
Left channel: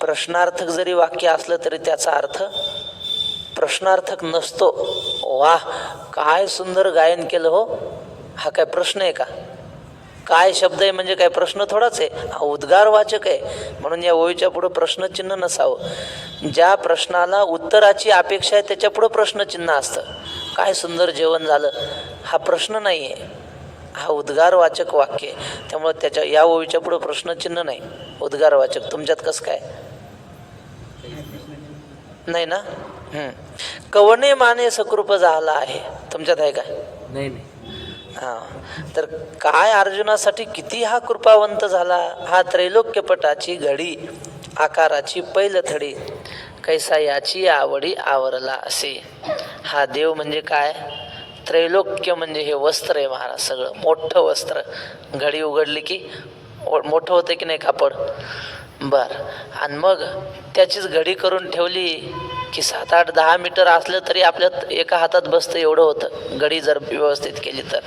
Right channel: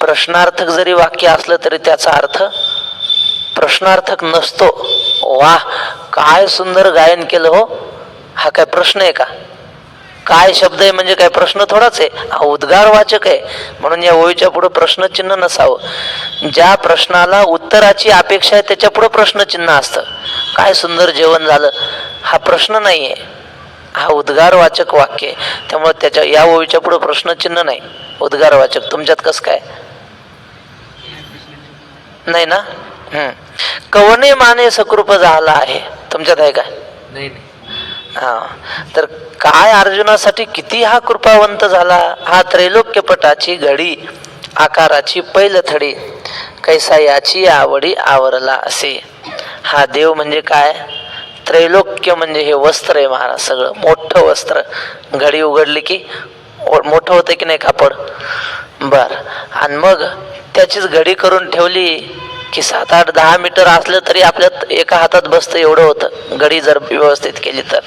प्रश्नार्थक जरी वाक्य असलं तरी त्याचा अर्थ प्रश्नार्थक नसतो. वाह काय सुंदर गायन केलं हो, हा काय प्रश्न आहे का? काय शब्द आहे म्हणजे काय प्रश्न थोडाच आहे, हा उद्गारवाचक आहे. म्हणून या ओळीच्या पुढे प्रश्नचिन्ह नसावं. ज्या प्रश्नाला उत्तराची अपेक्षा आहे त्याच्या पुढे प्रश्नचिन्ह असतं. काय सुंदर जेवण झालं हा प्रश्न नाहीये, हा उद्गारवाचक वाक्य आहे. त्यामुळे त्याच्या या ओळीच्या पुढे प्रश्नचिन्ह नाही, उद्गारवाचक. तुमच्यात कसं काय नाही ना? कवने माने सकृप झाला आहे, तुमच्यात आहे का? नाही. हा, तर काय अर्जुनासाठी किती हा कृपावंत झाला. हा त्रैलोक्यपटाची घडी आकाराची पैलथडी कैसा याची आवडी आवरला असे. हा देव म्हणजे काय? त्रैलोक्य म्हणजे हे वस्त्र आहे महाराज, सगळं मोठं वस्त्र. घडी उघडली की मोठं होतं की नाही कापड, बर. आणि मग त्याचीच घडी करून ठेवली की 7, 8, 10 मीटर असलं तरी आपल्या एका हातात बसतं एवढं होतं, घडी जर व्यवस्थित केली तर.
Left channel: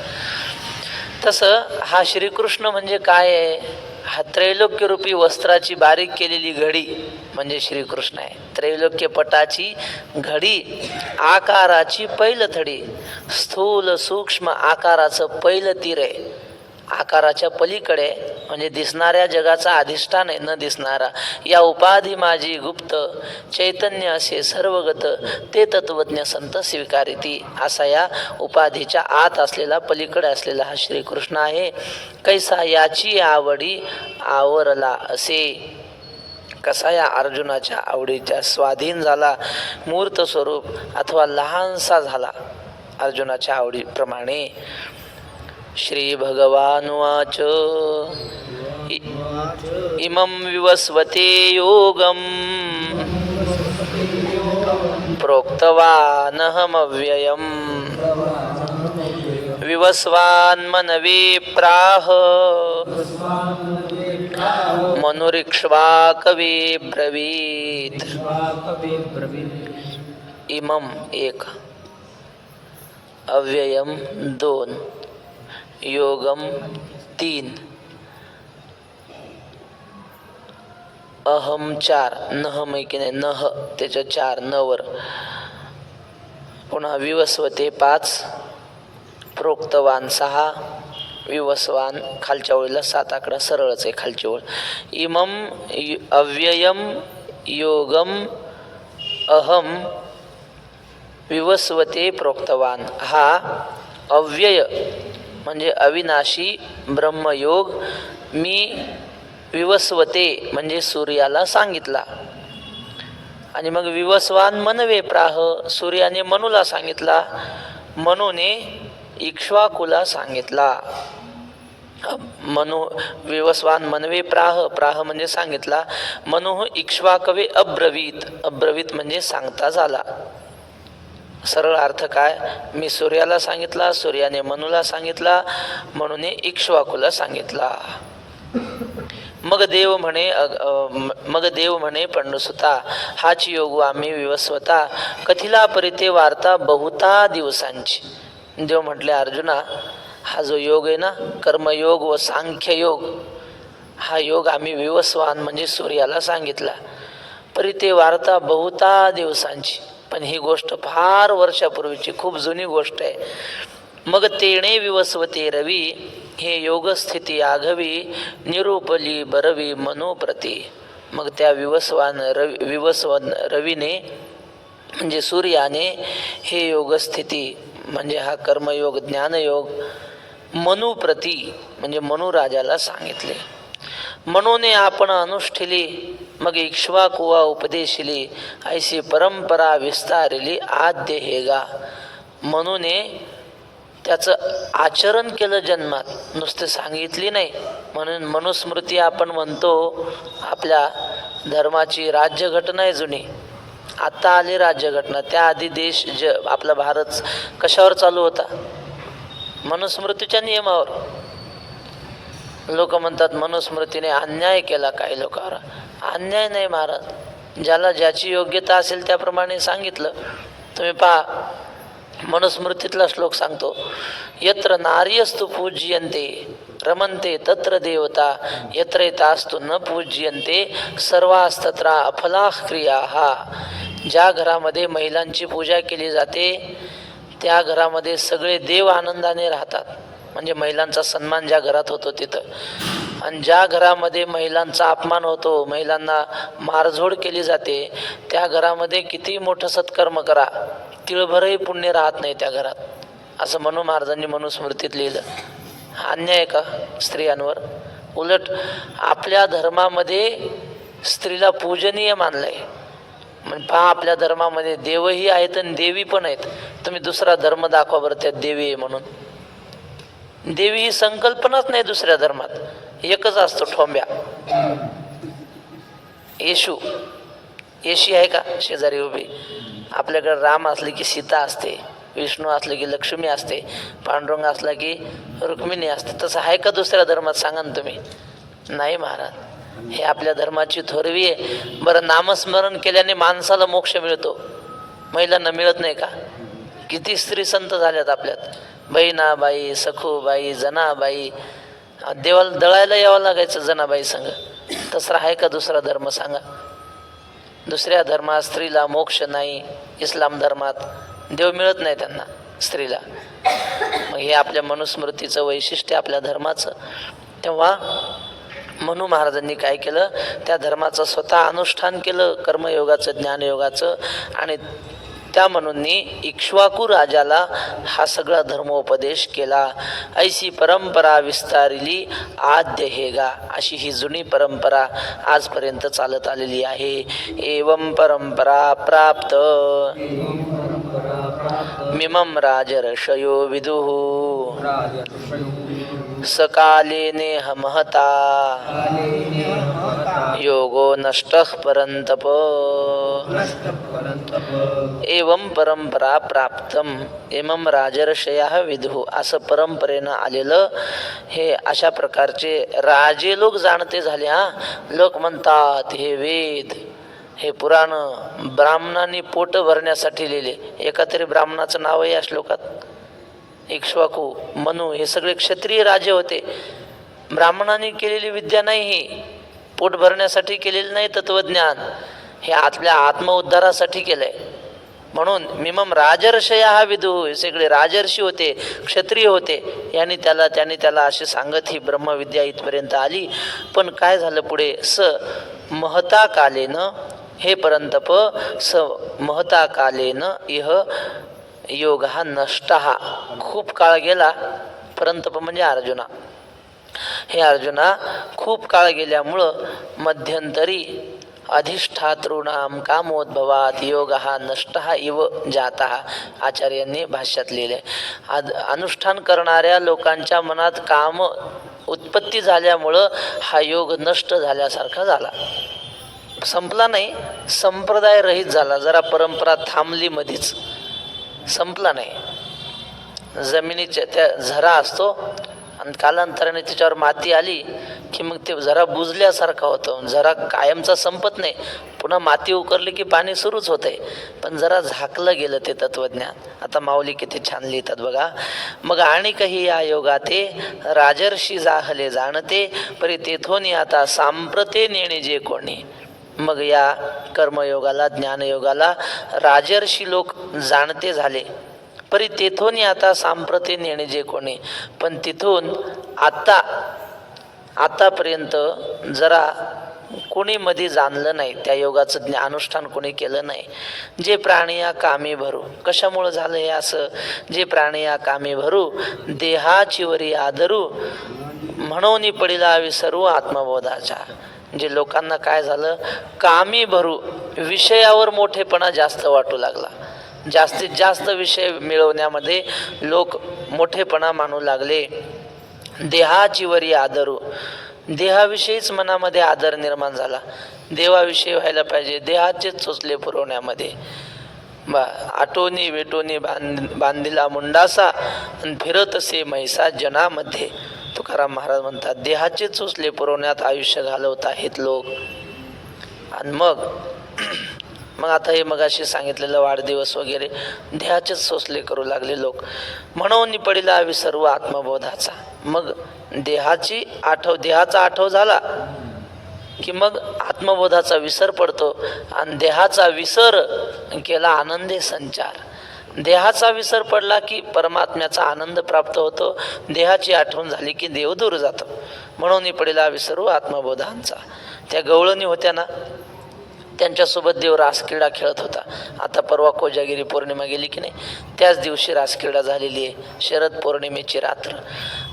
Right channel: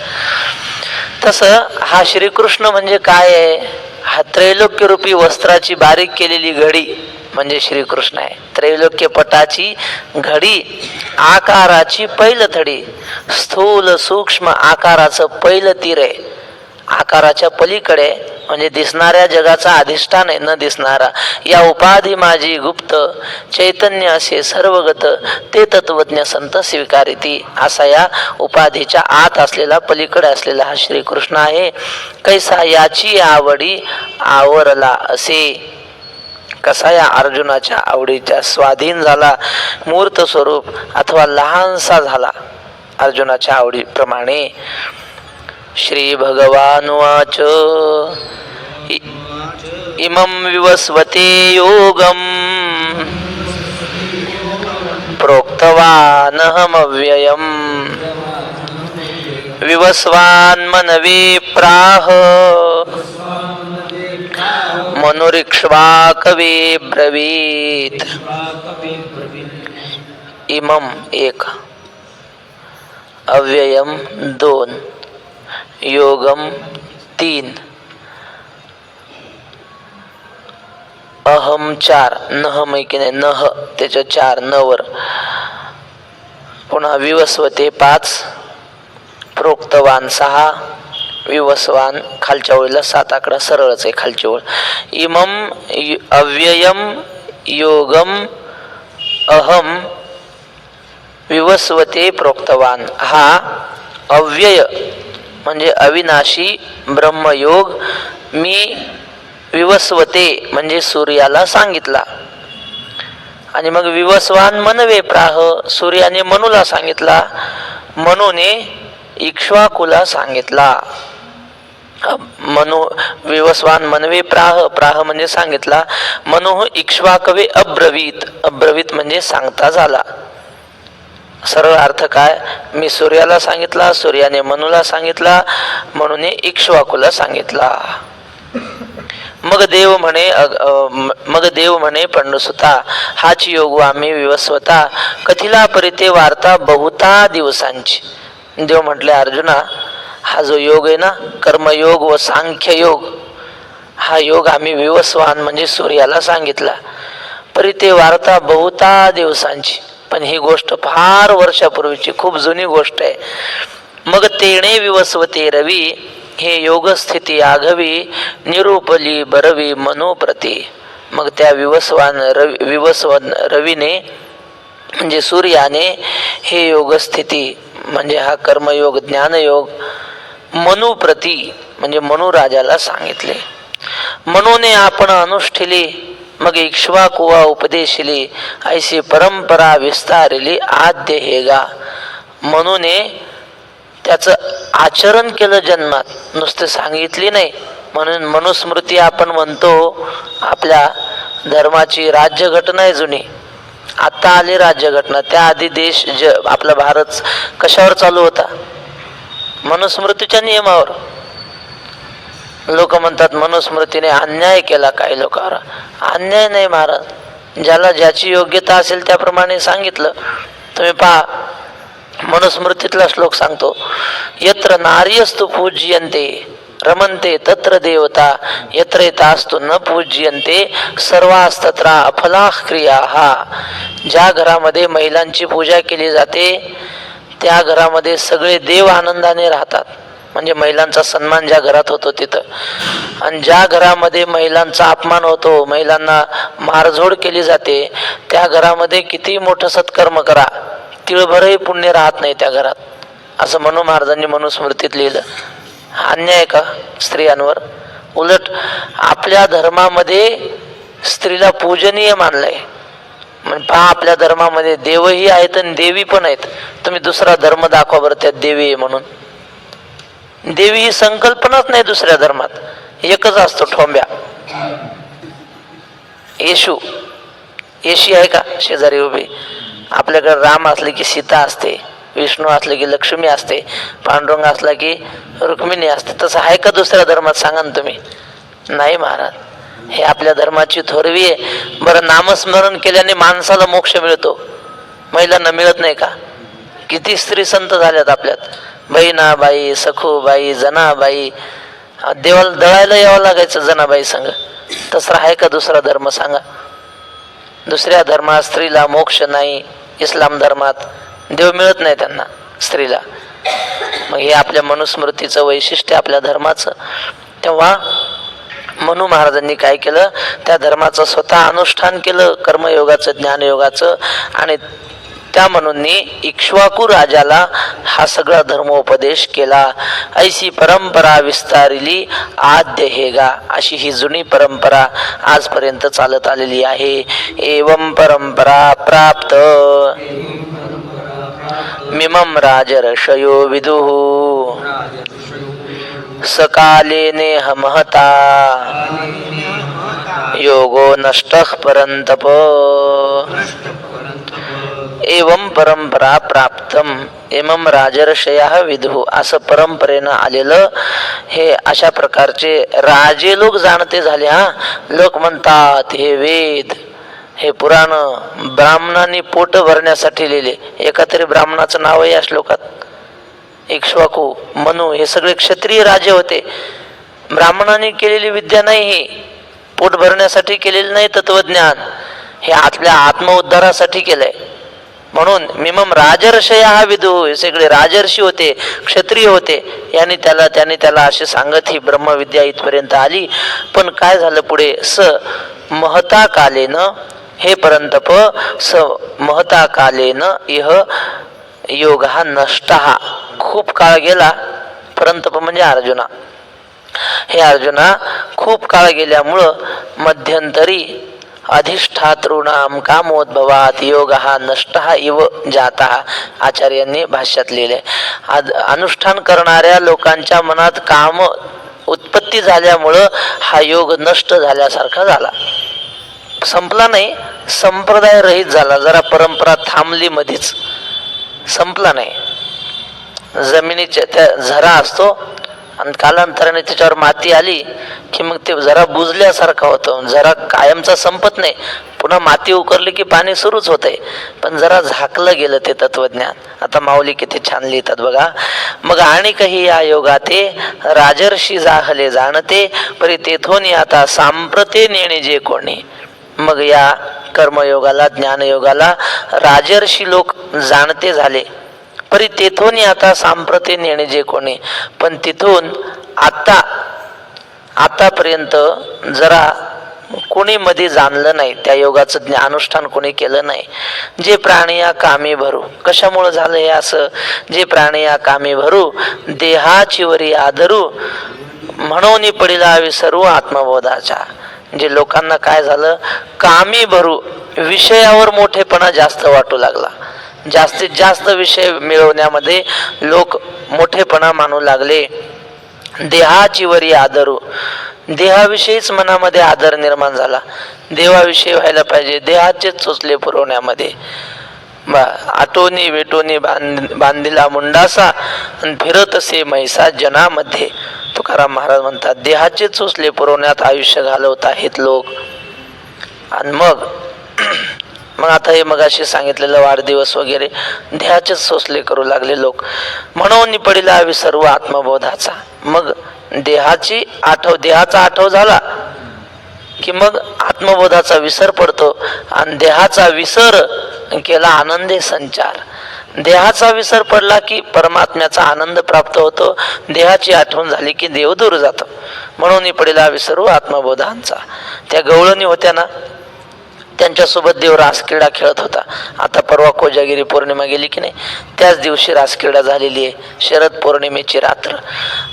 तसं हा श्रीकृष्ण म्हणजे काय आहे? हा त्रैलोक्यरूपी वस्त्राची बारीक केलेली घडी म्हणजे श्रीकृष्ण आहे. त्रैलोक्य पटाची घडी, आकाराची पैलथडी, स्थूल सूक्ष्म आकाराचं पैल तीर आहे. आकाराच्या पलीकडे म्हणजे दिसणाऱ्या जगाचा अधिष्ठान आहे, न दिसणारा. या उपाधी माझी गुप्त, चैतन्य असे सर्वगत, ते तत्वज्ञ संत स्वीकारिती. असा या उपाधीच्या आत असलेला, पलीकडे असलेला हा श्रीकृष्ण आहे. कैसा याची आवडी आवरला असे. कसा या अर्जुनाच्या आवडीच्या स्वाधीन झाला, मूर्त स्वरूप अथवा लहानसा झाला अर्जुनाच्या आवडीप्रमाणे. श्री भगवानुवाच इमं विवस्वते योगं प्रोक्तवानहमव्ययम् विवस्वान्मनवे प्राह मनुरिक्ष्वाकवे ब्रवीत्. इमं एक, अव्ययम दोन, योगम तीन, अहम चार, नह मैकीने नह त्याच्या चार नवर, पुन्हा विवस्वते पाच, प्रोक्तवान सहा, विवस्वान खालच्या ओळीला सात आकडा सरळच आहे खालची ओळ. इमम अव्ययम योगम अहम विवस्वते प्रोक्तवान. हा अव्यय म्हणजे अविनाशी ब्रह्मयोग मी विवस्वते म्हणजे सूर्याला सांगितला. आणि मग विवस्वान मनवे प्राह, सूर्याने मनुला सांगितला, मनुने इक्ष्वाकुला सांगितला. मनु विवस्वान मनवे प्राह, प्राह म्हणजे सांगितला, मनु इक्ष्वाकवे अब्रवीत, अब्रवीत म्हणजे सांगता झाला. सरळ अर्थ काय? मी सूर्याला सांगितला, सूर्याने मनुला सांगितला, म्हणूने इक्ष्वाकुला सांगितला. मग देव म्हणे पंडुसुता, हाच योग आम्ही विवस्वता, कथिला परिते वार्ता बहुता दिवसांची. देव म्हटले अर्जुना, हा जो योग आहे ना, कर्मयोग व सांख्य योग, हा योग आम्ही विवस्वान म्हणजे सूर्याला सांगितला. परिते वार्ता बहुता दिवसांची, पण ही गोष्ट फार वर्षापूर्वीची, खूप जुनी गोष्ट आहे. मग तेणे विवस्वते रवी, हे योगस्थिती आघवी, निरूपली बरवी मनोप्रती. मग त्या विवस्वान रवीने म्हणजे सूर्याने हे योगस्थिती म्हणजे हा कर्मयोग ज्ञानयोग मनुप्रती म्हणजे मनुराजाला सांगितले. मनोने आपण अनुष्ठिली, मग इक्ष्वाकुवा उपदेशिली, ऐशी परंपरा विस्तारिली आद्य हेगा. मनूने त्याचं आचरण केलं जन्मात, नुसते सांगितली नाही. म्हणून मनुस्मृती आपण म्हणतो. आपल्या धर्माची राज्यघटना आहे जुनी, आता आली राज्यघटना. त्याआधी देश आपला भारत कशावर चालू होता? मनुस्मृतीच्या नियमावर. लोक म्हणतात मनुस्मृतीने अन्याय केला काही लोकांवर. अन्याय नाही महाराज, ज्याला ज्याची योग्यता असेल त्याप्रमाणे सांगितलं. तुम्ही पहा, मनुस्मृतीतला श्लोक सांगतो, यत्र नार्यस्तु पूज्यन्ते रमन्ते तत्र देवता, यत्र तास्तु न पूज्यन्ते सर्वास्तत्र अफलाः क्रियाः. ज्या घरामध्ये महिलांची पूजा केली जाते त्या घरामध्ये सगळे देव आनंदाने राहतात. म्हणजे महिलांचा सन्मान ज्या घरात होतो तिथं. आणि ज्या घरामध्ये महिलांचा अपमान होतो, महिलांना मारझोड केली जाते, त्या घरामध्ये किती मोठं सत्कर्म करा, तिळभरही पुण्य राहत नाही त्या घरात. असं मनू महाराजांनी मनुस्मृतीत लिहिलं. अन्याय का स्त्रियांवर? उलट आपल्या धर्मामध्ये स्त्रीला पूजनीय मानलंय. म्हणजे पहा, आपल्या धर्मामध्ये देवही आहेत आणि देवी पण आहेत. तुम्ही दुसरा धर्म दाखवा बरं त्यात देवी आहे म्हणून. देवी ही संकल्पनाच नाही दुसऱ्या धर्मात, एकच असतो ठोंब्या. येशू, येशी आहे का शेजारी उभी? आपल्याकडे राम असले की सीता असते, विष्णू असले की लक्ष्मी असते, पांडुरंग असला की रुक्मिणी असते. तसं आहे का दुसऱ्या धर्मात? सांगा ना तुम्ही. नाही महाराज, हे आपल्या धर्माची थोरवी आहे. बरं, नामस्मरण केल्याने माणसाला मोक्ष मिळतो, महिलांना मिळत नाही का? किती स्त्री संत झाल्यात आपल्यात. बहिणाबाई, सखूबाई, जनाबाई, देवाला दळायला यावं लागायचं जनाबाई संग. तसं आहे का दुसरा धर्म सांगा? दुसऱ्या धर्मात स्त्रीला मोक्ष नाही. इस्लाम धर्मात देव मिळत नाही त्यांना, स्त्रीला. मग हे आपल्या मनुस्मृतीचं वैशिष्ट्य, आपल्या धर्माचं. तेव्हा मनू महाराजांनी काय केलं, त्या धर्माचं स्वतः अनुष्ठान केलं, कर्मयोगाचं, ज्ञानयोगाचं. आणि त्या म्हणूननी इक्ष्वाकू राजाला हा सगळा धर्मोपदेश केला. ऐशी परंपरा विस्तारिली आद्य हेगा, अशी ही जुनी परंपरा आजपर्यंत चालत आलेली आहे. एवं परंपरा प्राप्त मिमं राजर्षयो विदुः सकालेनेह महता योगो नष्टः परंतप. एवं परंपरा प्राप्तम एमम राजर्षया विदुः, असं परंपरेनं आलेलं हे अशा प्रकारचे राजे लोक जाणते झाले. हा लोक म्हणतात हे वेद, हे पुराण ब्राह्मणांनी पोट भरण्यासाठी लिहिले. एका तरी ब्राह्मणाचं नाव आहे या श्लोकात. इक्ष्वाकू, मनू हे सगळे क्षत्रिय राजे होते. ब्राह्मणांनी केलेली विद्या नाही, ही पोट भरण्यासाठी केलेली नाही. तत्वज्ञान हे आपल्या आत्मउद्धारासाठी केलंय. म्हणून मिमम राजर्षया हा विदू, हे सगळे राजर्षी होते, क्षत्रिय होते. त्याने त्याला असे सांगत ही ब्रह्मविद्या इथपर्यंत आली. पण काय झालं पुढे? स महता कालेन, हे परंतप स महता कालेन इह योग हा नष्ट. हा खूप काळ गेला. परंतप म्हणजे अर्जुना. हे अर्जुना खूप काळ गेल्यामुळं मध्यंतरी अधिष्ठातॄणाम कामोद्भवात योग हा नष्ट इव जाता, आचार्यांनी भाष्यात लिहिले. अनुष्ठान करणाऱ्या लोकांच्या मनात काम उत्पत्ती झाल्यामुळं हा योग नष्ट झाल्यासारखा झाला. संपला नाही, संप्रदाय रहित झाला. जरा परंपरा थांबली मधीच, संपला नाही. जमिनीच्या त्या झरा असतो आणि कालांतराने त्याच्यावर माती आली की मग ते जरा बुजल्यासारखं होतं. जरा कायमचा संपत नाही, पुन्हा माती उकरली की पाणी सुरूच होतंय. पण जरा झाकलं गेलं ते तत्वज्ञान. आता माऊली किती छान लिहितात बघा. मग आणि काही या योगाते राजर्षी जाहले जाणते, परी तेथोनी आता सांप्रते नेणे जे कोणी. मग या कर्मयोगाला, ज्ञानयोगाला राजर्षी लोक जाणते झाले. परी तेथून आता सांप्रते नेणे जे कोणी. पण तिथून आतापर्यंत जरा कोणी मध्ये जाणलं नाही, त्या योगाचं अनुष्ठान कोणी केलं नाही. जे प्राणी या कामी भरू. कशामुळे झालं हे असं? जे प्राणी या कामी भरू देहाची वरी आदरू, म्हणून पडिला विसरू आत्मबोधाचा. जे लोकांना काय झालं, कामी भरू, विषयावर मोठेपणा जास्त वाटू लागला. जास्तीत जास्त विषय मिळवण्यामध्ये लोक मोठेपणा मानू लागले. देहाची वरी आदरू, देहाविषयीच मनामध्ये आदर निर्माण झाला. देवाविषयी व्हायला पाहिजे, देहाचे चोचले पुरवण्यामध्ये. आटोनी वेटोनी बांधिला मुंडासा फिरतसे मैसा जनामध्ये. तुकाराम महाराज म्हणतात देहाचे चोचले पुरवण्यात आयुष्य घालवत आहेत लोक. आणि मग आता हे मगाशी सांगितलेलं वाढदिवस वगैरे देहाचेच सोसले करू लागले लोक. म्हणून पडिला विसर्व आत्मबोधाचा. मग देहाचा आठव झाला की मग आत्मबोधाचा विसर पडतो. आणि देहाचा विसर केला आनंदे संचार. देहाचा विसर पडला की परमात्म्याचा आनंद प्राप्त होतो. देहाची आठवण झाली की देव दूर जातो. म्हणून पडिला विसर्व आत्मबोधांचा. त्या गवळणी होत्या ना, त्यांच्यासोबत देव रासक्रीडा खेळत होता. आता परवा कोजागिरी पौर्णिमा गेली की नाही, त्याच दिवशी रासक्रीडा झालेली आहे, शरद पौर्णिमेची रात्र.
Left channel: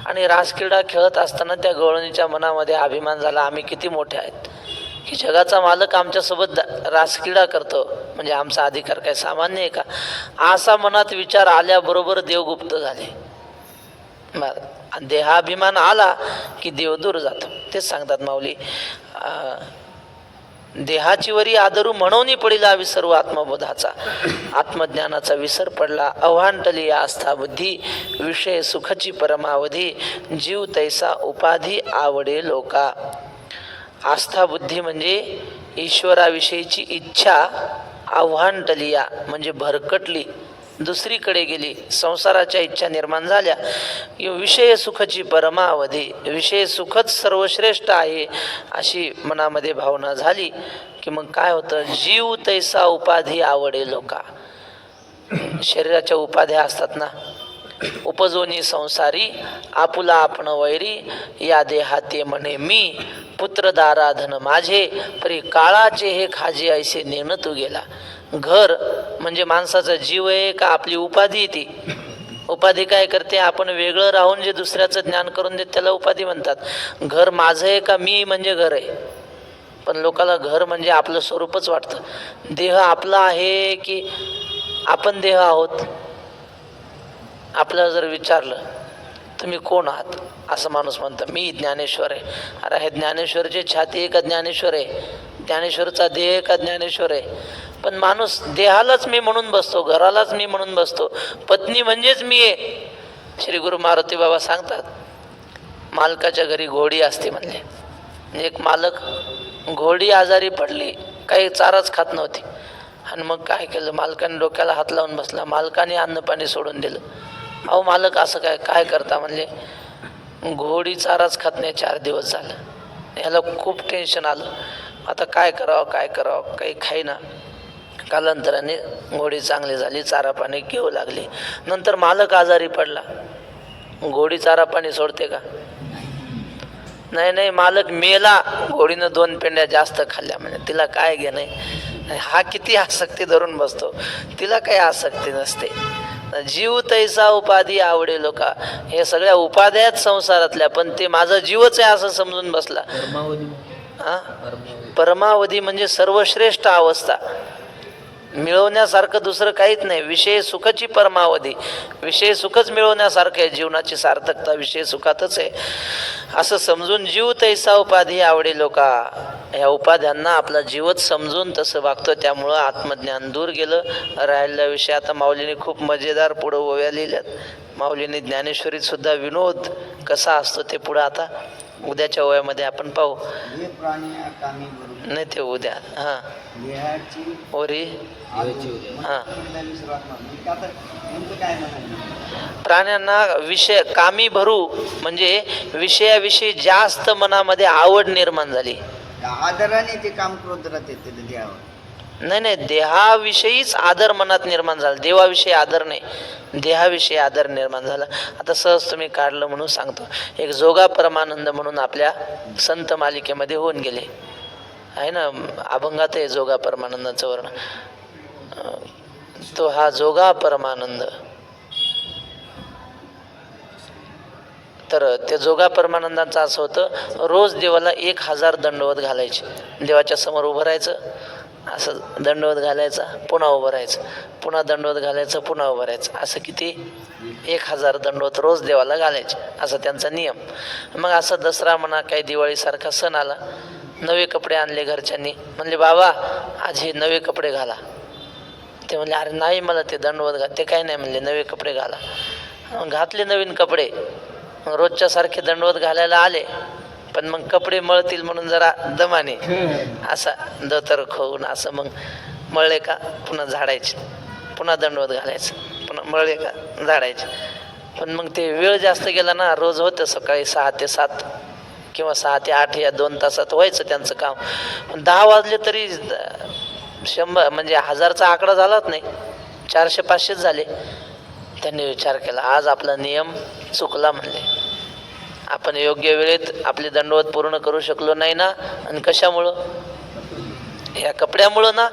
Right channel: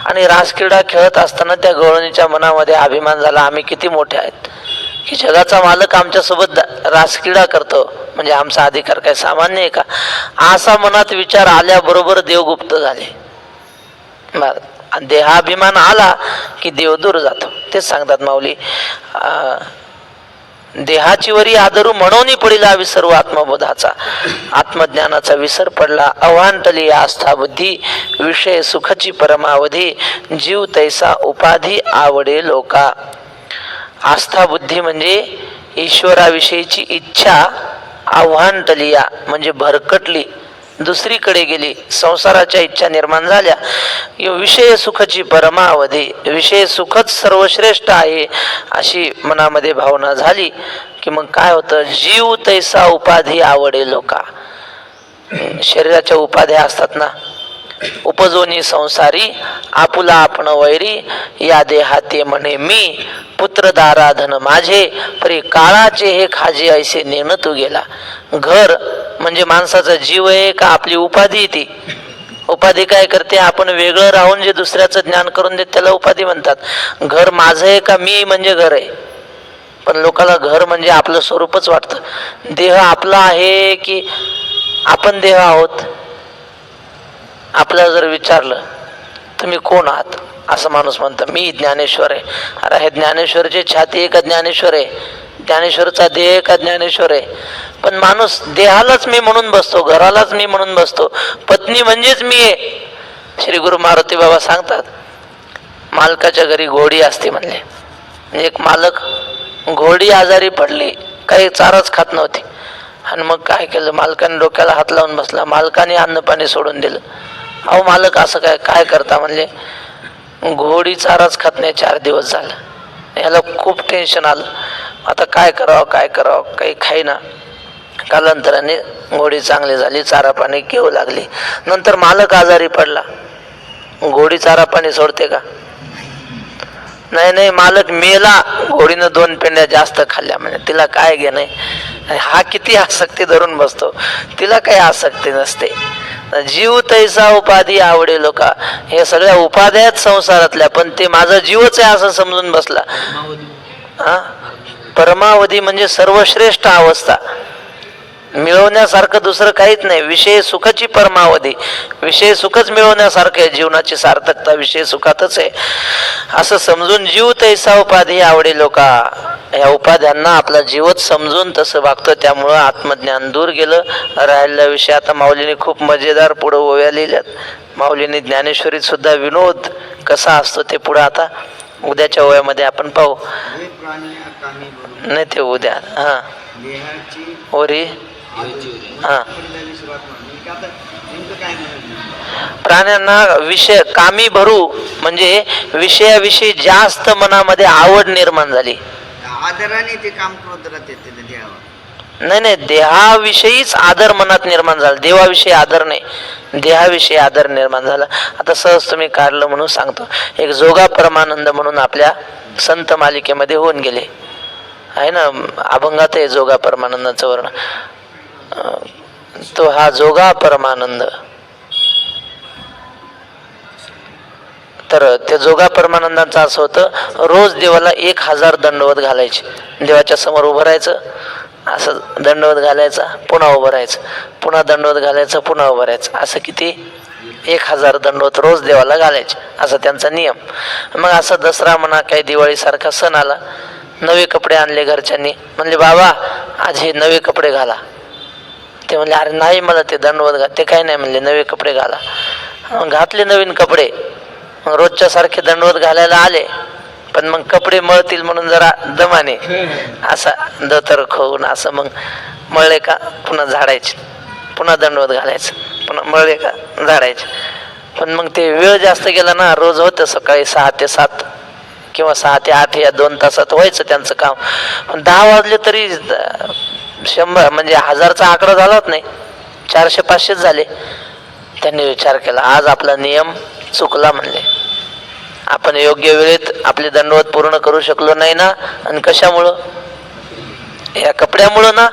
आणि रासक्रीडा खेळत असताना त्या गवळणीच्या मनामध्ये अभिमान झाला, आम्ही किती मोठे आहेत की जगाचा मालक आमच्यासोबत रासक्रीडा करतो, म्हणजे आमचा अधिकार काय सामान्य आहे का? असा मनात विचार आल्याबरोबर देव गुप्त झाले. देहाभिमान आला की देव दूर जातो. तेच सांगतात माऊली, देहाची वरी आदरू म्हणून पडिला विसर्व आत्मबोधाचा. आत्मज्ञानाचा विसर पडला. अवांटली आस्था बुद्धी, विषय सुखची परमावधी, जीव तैसा उपाधी आवडे लोका. आस्था बुद्धी म्हणजे ईश्वराविषयीची इच्छा आव्हांटली, म्हणजे भरकटली. दुसरीकडे गेली, संसाराच्या इच्छा निर्माण झाल्या, विषय सुखाची परमावधी, विषय सुखच सर्वश्रेष्ठ आहे अशी मनामध्ये भावना झाली की मग काय होतं, जीव तैसा उपाधी आवडे लोका. शरीराच्या उपाध्या असतात ना, उपजोनी संसारी आपुला आपण वैरी, या देहाते म्हणे मी पुत्र दारा धन माझे, परी काळाचे हे खाजे ऐसे नेण तू गेला. घर म्हणजे माणसाचा जीव आहे का आपली उपाधी? ती उपाधी काय करते, आपण वेगळं राहून जे दुसऱ्याचं ज्ञान करून देत त्याला उपाधी म्हणतात. घर माझं आहे का मी म्हणजे घर आहे, पण लोकांना घर म्हणजे आपलं स्वरूपच वाटतं. देह आपला आहे की आपण देह आहोत? आपल्याला जर विचारलं तुम्ही कोण आहात, असं माणूस म्हणतं मी ज्ञानेश्वर आहे. अरे हे ज्ञानेश्वरची छाती आहे का ज्ञानेश्वर आहे? ज्ञानेश्वरचा देह का ज्ञानेश्वर आहे? पण माणूस देहालाच मी म्हणून बसतो, घरालाच मी म्हणून बसतो. पत्नी म्हणजेच मी आहे. श्री गुरु मारुती बाबा सांगतात, मालकाच्या घरी घोडी असते म्हणले. एक मालक, घोडी आजारी पडली, काही चाराच खात नव्हती, आणि मग काय केलं, मालकाने डोक्याला हात लावून बसला. मालकाने अन्न पाणी सोडून दिलं. अहो मालक असं काय काय करता म्हणले, घोडी चाराच खात नाही, 4 दिवस झालं. याला खूप टेन्शन आलं, आता काय करावं काय करावं, काही खाईना. कालांतराने घोडी चांगली झाली, चारा पाणी घेऊ लागली. नंतर मालक आजारी पडला. घोडी चारा पाणी सोडते का? नाही नाही, मालक मेला, घोडीनं 2 पेंड्या जास्त खाल्ल्या म्हणजे तिला काय घे नाही. हा किती आसक्ती धरून बसतो, तिला काही आसक्ती नसते. जीव तैसा उपाधी आवडे लोका, हे सगळ्या उपाध्या संसारातल्या, पण ते माझा जीवच आहे असं समजून बसला. परमावधी म्हणजे सर्वश्रेष्ठ अवस्था, मिळवण्यासारखं दुसरं काहीच नाही. विषय सुखाची परमावधी, विषय सुखच मिळवण्यासारखं आहे. जीवनाची सार्थकता विषय सुखातच आहे असं समजून जीव तैसा उपाधी आवडे लोका, या उपाध्यांना आपला जीवच समजून तसं वागतो. त्यामुळं आत्मज्ञान दूर गेलं. राहिलेला विषय आता माऊलीने खूप मजेदार पुढं ओव्या लिहिल्यात. माऊलीने ज्ञानेश्वरीत सुद्धा विनोद कसा असतो ते पुढं आता उद्याच्या ओव्यामध्ये आपण पाहू. नाही ते उद्या. हा ओरी. हा, प्राण्यांना विषय कामी भरू म्हणजे विषयाविषयी जास्त मनामध्ये आवड निर्माण झाली. आदराने ते काम करत राहते देहावर. नाही नाही, देहाविषयीच आदर मनात निर्माण झाला, देवाविषयी आदर नाही, देहाविषयी आदर निर्माण झाला. आता सहज तुम्ही काढलं म्हणून सांगतो. एक जोगा परमानंद म्हणून आपल्या संत मालिकेमध्ये होऊन गेले आहे ना, अभंगात आहे जोगा परमानंदाचं वर्ण. तो हा जोगा परमानंद, तर त्या जोगा परमानंदांचं असं होतं, रोज देवाला 1000 दंडवत घालायचे. देवाच्या समोर उभं राहायचं, असं दंडवत घालायचा, पुन्हा उभं राहायचं, पुन्हा दंडवत घालायचं, पुन्हा उभं राहायचं, असं किती 1000 दंडवत रोज देवाला घालायचे, असा त्यांचा नियम. मग असं दसरा म्हणा काही दिवाळीसारखा सण आला, नवे कपडे आणले घरच्यांनी. म्हणले बाबा आज हे नवे कपडे घाला. ते म्हणले अरे नाही मला ते दंडवत घाल. ते काही नाही म्हणले, नवे कपडे घाला. मग घातले नवीन कपडे. मग रोजच्या सारखे दंडवत घालायला आले, पण मग कपडे मळतील म्हणून जरा दमाने असा दतर खाऊन असं मग मळले का पुन्हा झाडायचे, पुन्हा दंडवत घालायचं, पुन्हा मळले का झाडायचे. पण मग ते वेळ जास्त गेला ना, रोज होतं सकाळी 6 ते 7 किंवा 6 ते 8 या 2 तासात व्हायचं त्यांचं काम. पण 10 वाजले तरी 100 म्हणजे 1000चा आकडा झालाच नाही, 400-500 झाले. त्यांनी विचार केला आज आपला नियम चुकला म्हणले, आपण योग्य वेळेत आपले दंडवत पूर्ण करू शकलो नाही ना, आणि कशामुळं, या कपड्यामुळं ना.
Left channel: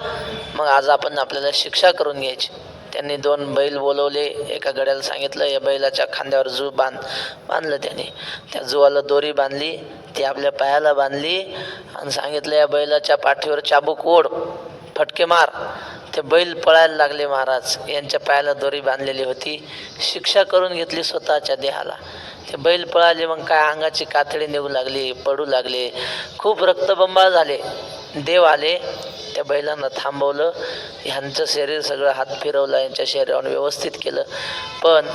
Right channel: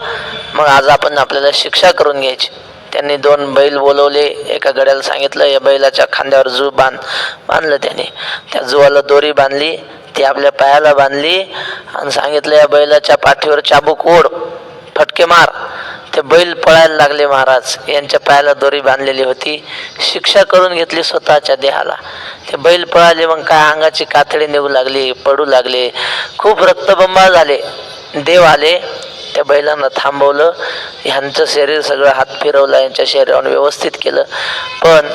मग आज आपण आपल्याला शिक्षा करून घ्यायची. त्यांनी 2 बैल बोलवले, एका गड्याला सांगितलं या बैलाच्या खांद्यावर जू बांधलं. त्याने त्या जुवाला दोरी बांधली, ती आपल्या पायाला बांधली आणि सांगितलं या बैलाच्या पाठीवर चाबूक ओढ, फटके मार. ते बैल पळायला लागले. महाराज यांच्या पायाला दोरी बांधलेली होती, शिक्षा करून घेतली स्वतःच्या देहाला. ते बैल पळाले, मग काय अंगाची कातडी निघू लागली, पडू लागले, खूप रक्तबंबाळ झाले. देव आले, त्या बैलांना थांबवलं, ह्यांचं शरीर सगळं हात फिरवला, यांच्या शरीरावर व्यवस्थित केलं. पण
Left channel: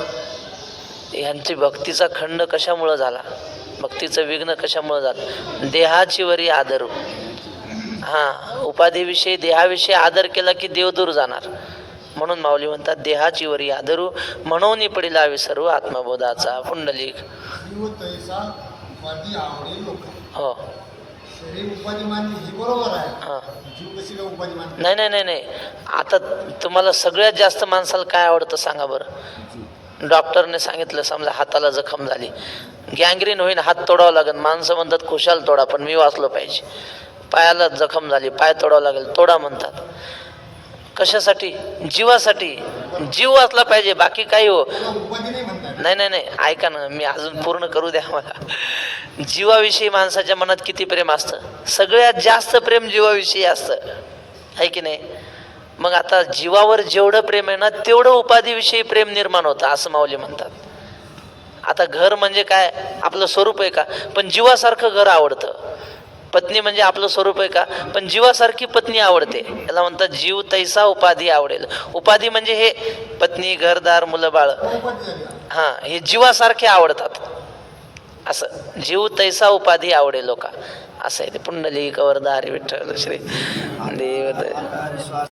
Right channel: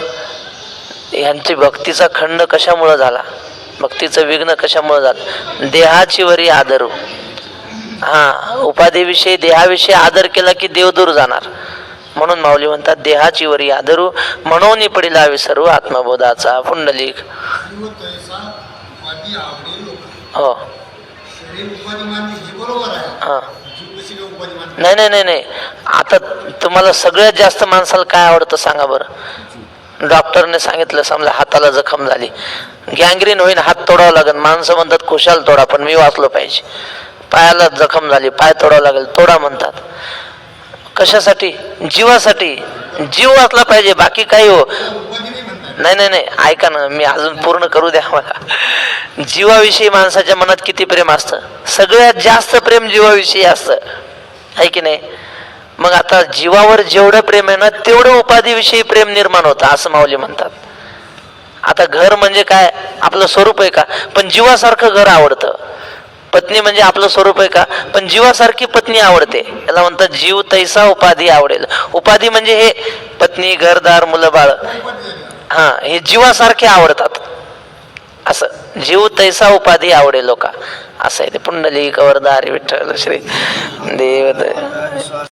ह्यांची भक्तीचा खंड कशामुळं झाला, भक्तीचं विघ्न कशामुळं झालं, देहाची वरी आदरू. हा, उपाधीविषयी देहाविषयी आदर केला की देव दूर जाणार. म्हणून माऊली म्हणतात देहाची वरी आदरू म्हणून पडिला विसरू आत्मबोधाचा पुंडलिक. जीव तैसा उपाधी आवडेल लोक. हो शरीर उपाधी मानते हे बरोबर आहे. हां जीव कशी काय उपाधी मानते? नाही नाही नाही नाही आता तुम्हाला सगळ्यात जास्त माणसाला काय आवडतं सांगा बरं. डॉक्टरने सांगितलं समजा हाताला जखम झाली गँग्रीन होईन हात तोडावा लागेल माणसं म्हणतात खुशाल तोडा पण मी वाचलो पाहिजे. पायाला जखम झाली पाय तोडावा लागेल तोडा म्हणतात. कशासाठी? जीवासाठी. जीव वाचला पाहिजे बाकी काही हो. उपाधी नाही म्हणतात. नाही नाही नाही ऐका ना मी अजून पूर्ण करू द्या मला. जीवाविषयी माणसाच्या मनात किती प्रेम असतं? सगळ्यात जास्त प्रेम जीवाविषयी असतं आहे की नाही. मग आता जीवावर जेवढं प्रेम आहे ना तेवढं उपाधीविषयी प्रेम निर्माण होतं असं माऊली म्हणतात. आता घर म्हणजे काय आपलं स्वरूप आहे का? पण जीवासारखं घर आवडतं. पत्नी म्हणजे आपलं स्वरूप आहे का? पण जीवासारखी पत्नी आवडते. याला म्हणतात जीव तैसा उपाधी आवडेल. उपाधी म्हणजे हे पत्नी घरदार मुलं बाळ उपाधी झाली. हा हे जीवासारखे आवडतात. असं जीव तैसा उपाधी आवडेल लोका असं आहे ते. पुंडलिक वरदा हरी विठ्ठल श्री देव